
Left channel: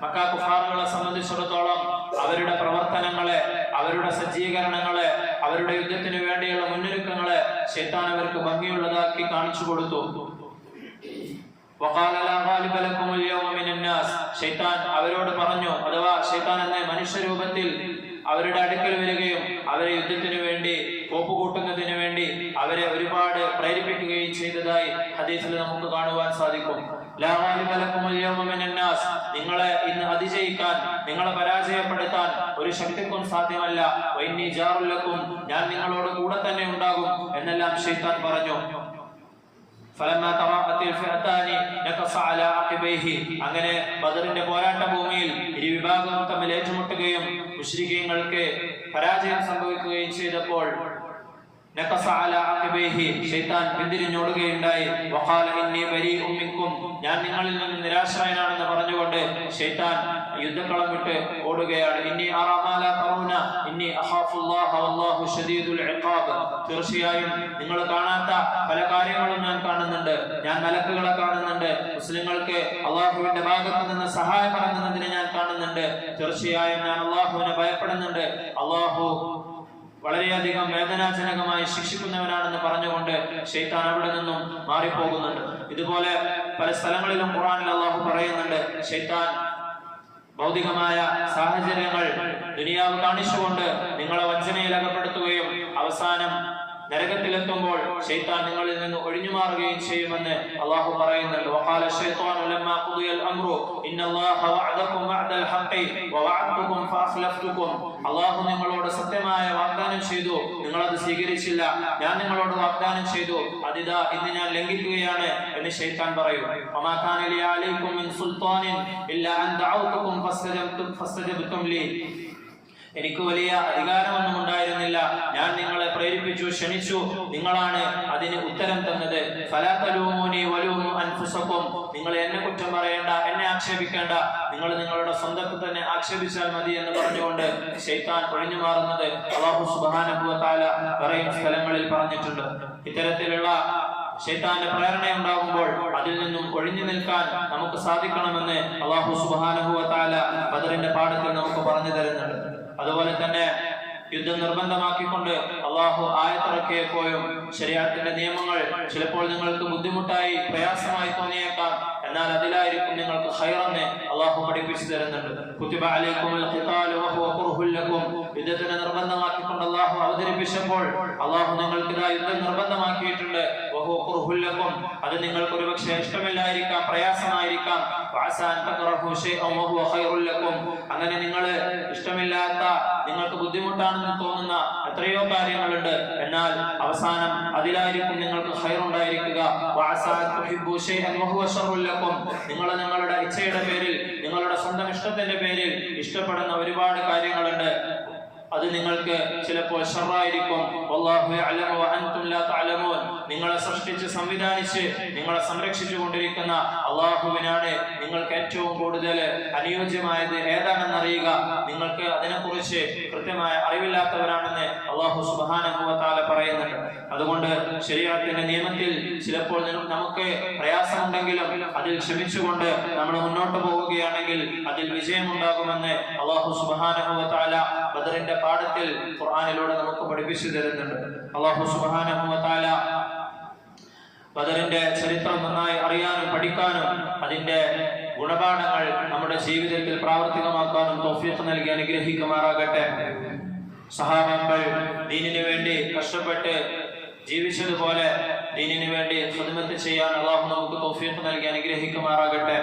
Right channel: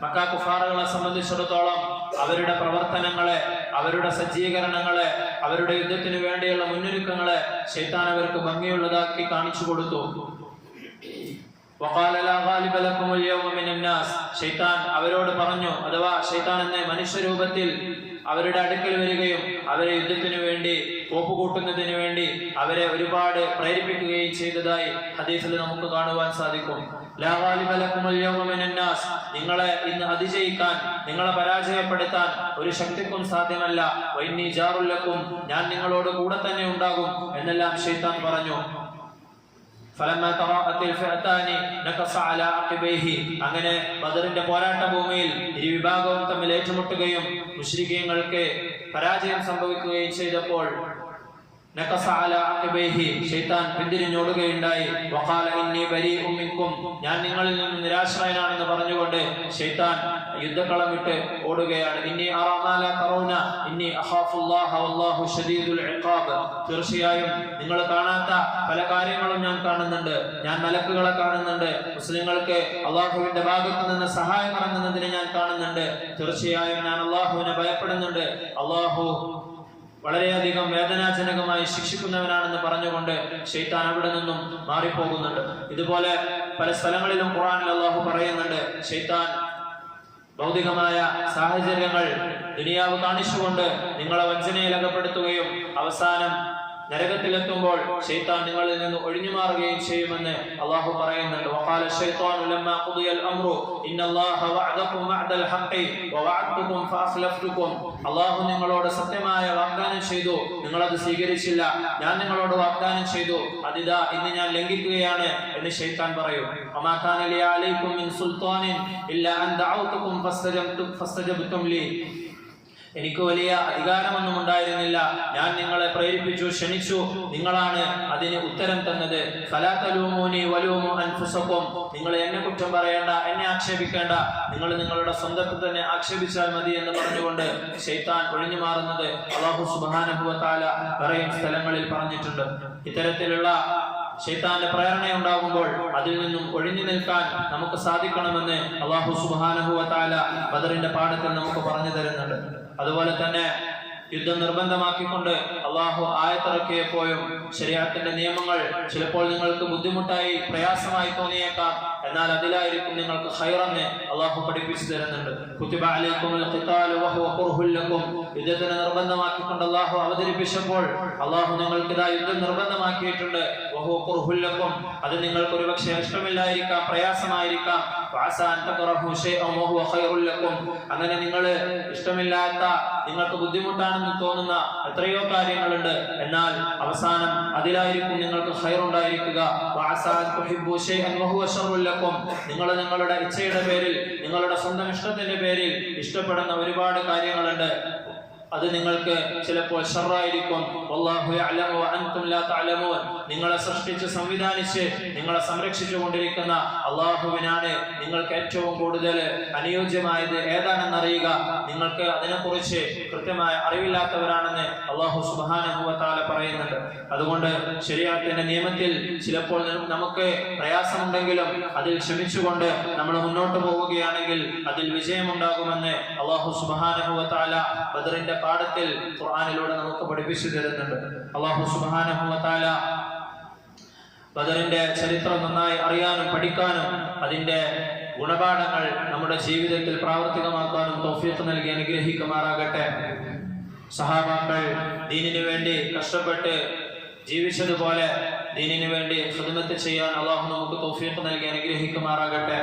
മക്ക കുഫാറുകളെ സംബന്ധിച്ചിടത്തോളം അവരുടെ പ്രവർത്തനങ്ങളെ, അവരുടെ സജ്ജീകരണങ്ങളെ, അവരുടെ യുദ്ധത്തിന് വേണ്ടിയുള്ള മുന്നൊരുക്കങ്ങളെ ശൈത്താൻ അവർക്ക് ഭംഗിയുള്ളതാക്കി കാണിച്ചു കൊടുത്തു. ശൈത്താൻ അവരോട് പറഞ്ഞു, അഥവാ ശൈത്താൻ എന്ന മനുഷ്യരൂപത്തിൽ അവരുടെ അടുക്കൽ വരികയും അവരെ യുദ്ധത്തിന് വേണ്ടി കോപ്പുകൂട്ടുന്നതിന് വേണ്ടി അവരെ ഒരുപാട് പ്രേരിപ്പിക്കുകയും ചെയ്തതായി ഹദീസിൽ നമുക്ക് കാണുവാൻ സാധിക്കും. നിങ്ങളെ ഇന്ന് അതിജയിക്കാൻ, നിങ്ങളെ പരാജയപ്പെടുത്താൻ ഒരു ശക്തിക്കും സാധ്യമല്ല. ഞാൻ നിങ്ങളോട് കൂടെ തന്നെ ഉണ്ടാകും എന്നെല്ലാം ശൈത്താൻ പറഞ്ഞു. അങ്ങനെ ബദറിന്റെ പോരാട്ട ഭൂമിയിൽ ഇരു വിഭാഗവും തമ്മിൽ ഏറ്റുമുട്ടുകയും മുശ്രിക്കീങ്ങൾക്ക് പരാജയം സംഭവിക്കുകയും ചെയ്തപ്പോൾ ശൈത്താൻ പിന്തിരിഞ്ഞോടുകയുണ്ടായി. ഞാൻ നിങ്ങളിൽ നിന്ന് നിരാശ്രയനാണെന്ന് പറഞ്ഞുകൊണ്ട് ശൈത്താൻ യുദ്ധക്കളം വിട്ട് ഓടുകയാണ്. തീർച്ചയായും നിങ്ങൾ കാണാത്ത പല കാര്യങ്ങളും ഞാൻ കാണുന്നുണ്ട്. ഞാൻ മലക്കുകളെ കാണുന്നുണ്ട്. മുസ്ലിങ്ങൾക്ക് അള്ളാഹുവിന്റെ ഭാഗത്ത് നിന്ന് സഹായം ഇറങ്ങുന്നതിനെ ഞാൻ കാണുന്നുണ്ട്. തീർച്ചയായും ഞാൻ അള്ളാഹുവിനെ ഭയപ്പെടുന്നുണ്ട്. അള്ളാഹു വളരെയധികം വേദനാജനകമായി ശിക്ഷിക്കുന്നവനാണെന്ന് പറഞ്ഞുകൊണ്ട് ശൈത്താൻ അവിടെ നിന്നും മാറിപ്പോകുന്നുണ്ട്. ഇതുപോലെ പല സ്ഥലങ്ങളിലും ഖുർആനിൽ അല്ലാഹു പറയുന്നുണ്ട്, ശൈത്താൻ ഭൗതികമായ സാഹചര്യങ്ങൾ ദുനിയാവ് കാണിച്ചുകൊണ്ട് നിങ്ങളെ വഞ്ചനയിൽ അകപ്പെടുത്തുകയും അവസാനം നരകത്തിലെത്തുമ്പോൾ ശൈത്താൻ നിങ്ങളിൽ നിന്ന് ഒഴിഞ്ഞു മാറുകയും ചെയ്യുമെന്ന് അല്ലാഹു പറയുന്നുണ്ട്. വഖാല ശൈത്വാനു ലമ്മാ ഖുദിയൽ അംറു ഇന്നല്ലാഹ വഅദകും വഅദൽ ഹഖി വവഅദ്തുകും ഫഅഖ്ലഫ്തുകും. അല്ലാഹു നിങ്ങളോട് സത്യമായ വാഗ്ദാനം ചെയ്തു, നിങ്ങൾ അത് സ്വീകരിച്ചില്ല. ഞാൻ നിങ്ങളോട് വാഗ്ദാനം ചെയ്തു, അതിതാ ഇന്ന് ഞാൻ ലംഘിക്കുകയാണ് എന്ന് ശൈത്താൻ പറയും. വമാ കാന ലി അലൈക്കും മിൻ സുൽത്താനിൻ ഇല്ലാ അൻ ദഅൗതുകും ഫസ്തജബ്തും ലി. എനിക്ക് വലിയ അധികാരമൊന്നും ഉണ്ടായിരുന്നില്ല, ഞാൻ നിങ്ങളെ പ്രേരിപ്പിച്ചു, ക്ഷണിച്ചു, നിങ്ങളാണ് അതിന് ഉത്തരം തന്നത്. ഫലാ തലൂമൂനി വലൂമു അൻഫുസകും. നിങ്ങൾ എന്നെ കുറ്റം പറയേണ്ട, എന്നെ ആക്ഷേപിക്കേണ്ട, നിങ്ങൾ നിങ്ങളുടെ സ്വന്തത്തെ തന്നെ ആക്ഷേപിച്ചാൽ മതി എന്ന് പറഞ്ഞുകൊണ്ട് ശൈത്താൻ ഒഴിഞ്ഞു മാറുന്നത് അല്ലാഹു സുബ്ഹാനഹു വ തആല വേറെയും സ്ഥലങ്ങളിൽ പറഞ്ഞിട്ടുണ്ട്. ഇത്തരത്തിലുള്ള ശൈത്താന്റെ പ്രേരണ ഉണ്ടാകുമ്പോൾ അതിൽ നിന്നും ഒഴിഞ്ഞു നിൽക്കാൻ നമുക്ക് സാധിക്കണമെന്ന് അല്ലാഹു സുബ്ഹാനഹു വ തആല ബദറിന്റെ പാഠത്തിൽ നമുക്ക് പറഞ്ഞു തരുന്നുണ്ട്. അതുപോലെ തന്നെ യുദ്ധം നിർബന്ധമാക്കിക്കൊണ്ട് അള്ളാഹു ആയത്തിറക്കിയപ്പോഴും ശരീഅത്തിന്റെ നിയമങ്ങൾ ചിലപ്പോൾ നിങ്ങൾക്ക് ബുദ്ധിമുട്ടായി പ്രയാസമായി തോന്നിയേക്കാം, എന്നാൽ അതിലായിരിക്കും നിങ്ങൾക്ക് ഖൈറെന്ന് അള്ളാഹു പഠിപ്പിച്ചു തരുന്നുണ്ട്. കുതിബ അലൈക്കുമുൽ ഖിതാലു വഹുവ ഖുർഹുൽ ലക്കും. യുദ്ധത്തിനെ നിർബന്ധമാക്കിക്കൊണ്ട് അള്ളാഹു അവതരിപ്പിച്ചപ്പോൾ അള്ളാഹു നിങ്ങൾക്ക് ഇതാ യുദ്ധം നിർബന്ധമാക്കിയിട്ടുണ്ട്. വഹുവ ഖുർഹുൽ ലക്കും. അത് നിങ്ങൾക്ക് ഒരുപക്ഷെ ഇഷ്ടമില്ലായിരിക്കാം, പ്രയാസമായിരിക്കാം. വഅസാ അൻ തക്റഹു ശൈഅൻ വഹുവ ഖൈറുൽ ലക്കും. അങ്ങനെ നിങ്ങൾ ഇഷ്ടമില്ലാത്ത, നിങ്ങൾക്ക് ബുദ്ധിമുട്ടാണെന്ന് തോന്നുന്ന എത്രയോ കാര്യങ്ങളുണ്ട്, എന്നാൽ അവസാനം അതിലായിരിക്കും നിങ്ങൾക്ക് ഖൈറുണ്ടായിരിക്കുക. വഅസാ അൻ തുഹിബ്ബു ശൈഅൻ വഹുവ ശർറുൽ ലക്കും. നിങ്ങൾ നിങ്ങളുടെ ഇച്ഛയുടെ പേരിൽ, നിങ്ങളുടെ സ്വന്തം ഇഷ്ടത്തിന്റെ പേരിൽ ഇഷ്ടപ്പെടുന്ന ഒരുപാട് കാര്യങ്ങളുണ്ട്, അത് നിങ്ങൾക്ക് ചിലപ്പോൾ ഷർറായിരിക്കും. വല്ലാഹു യഅലമു വഅൻതും ലാ തഅലമൂൻ. നിങ്ങളെ സൃഷ്ടിച്ച് സംവിധാനിച്ച് നിങ്ങളെ സംരക്ഷിച്ചു കൊണ്ടിരിക്കുന്ന അല്ലാഹുവിനാണ് നിങ്ങൾക്ക് ഏറ്റവും കൂടുതൽ അനുയോജ്യമായത് ഏതാണെന്നറിയുക. നിങ്ങൾക്ക് അതിനെക്കുറിച്ച് കൃത്യമായ അറിവില്ലാത്തവരാണെന്ന് അല്ലാഹു സുബ്ഹാനഹു വ തആല പറയുന്നുണ്ട്. അതുകൊണ്ട് ശരീഅത്തിന്റെ നിയമത്തിൽ ചിലപ്പോൾ നമുക്ക് പ്രയാസമുണ്ടെങ്കിലും അതിൽ ക്ഷമിച്ചുകൊണ്ട് നമ്മൾ മുന്നോട്ട് പോവുകയാണെങ്കിൽ അതിൽ വിജയമുണ്ടാകുമെന്ന് അല്ലാഹു സുബ്ഹാനഹു വ തആല ബദറിന്റെ പാഠത്തിൽ ഖുർആനിലൂടെ നമുക്ക് പഠിപ്പിച്ചു തരുന്നുണ്ട്. അല്ലാഹു സുബ്ഹാനഹു വ തആല ബദറിന്റെ ചരിത്രം നന്നായി അറിയാനും പഠിക്കാനും അതിന്റെ ഗുണപാഠങ്ങൾ നമ്മുടെ ജീവിതത്തിൽ പ്രാവർത്തികമാക്കാനും തൗഫീഖ് നൽകി അനുഗ്രഹിക്കുമാറാകട്ടെ. സഹാബാക്കൾ ദീനിനു വേണ്ടി കഷ്ടപ്പെട്ട് ജീവിച്ചതുപോലെ ദീനിനു വേണ്ടി ഖിദ്മത്ത് ചെയ്യാൻ അല്ലാഹു നമുക്ക് തൗഫീഖ് നൽകി അനുഗ്രഹിക്കുമാറാകട്ടെ.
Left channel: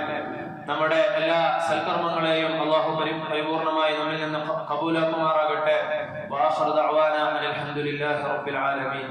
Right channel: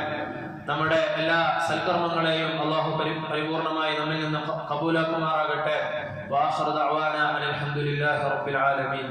നമ്മുടെ എല്ലാ സൽക്കർമ്മങ്ങളെയും അല്ലാഹു പരിപൂർണമായി നമ്മിൽ നിന്ന് ഖബൂലാക്കുമാറാകട്ടെ. വആഖിറു ദഅവാനാ അൽഹംദുലില്ലാഹി റബ്ബിൽ ആലമീൻ.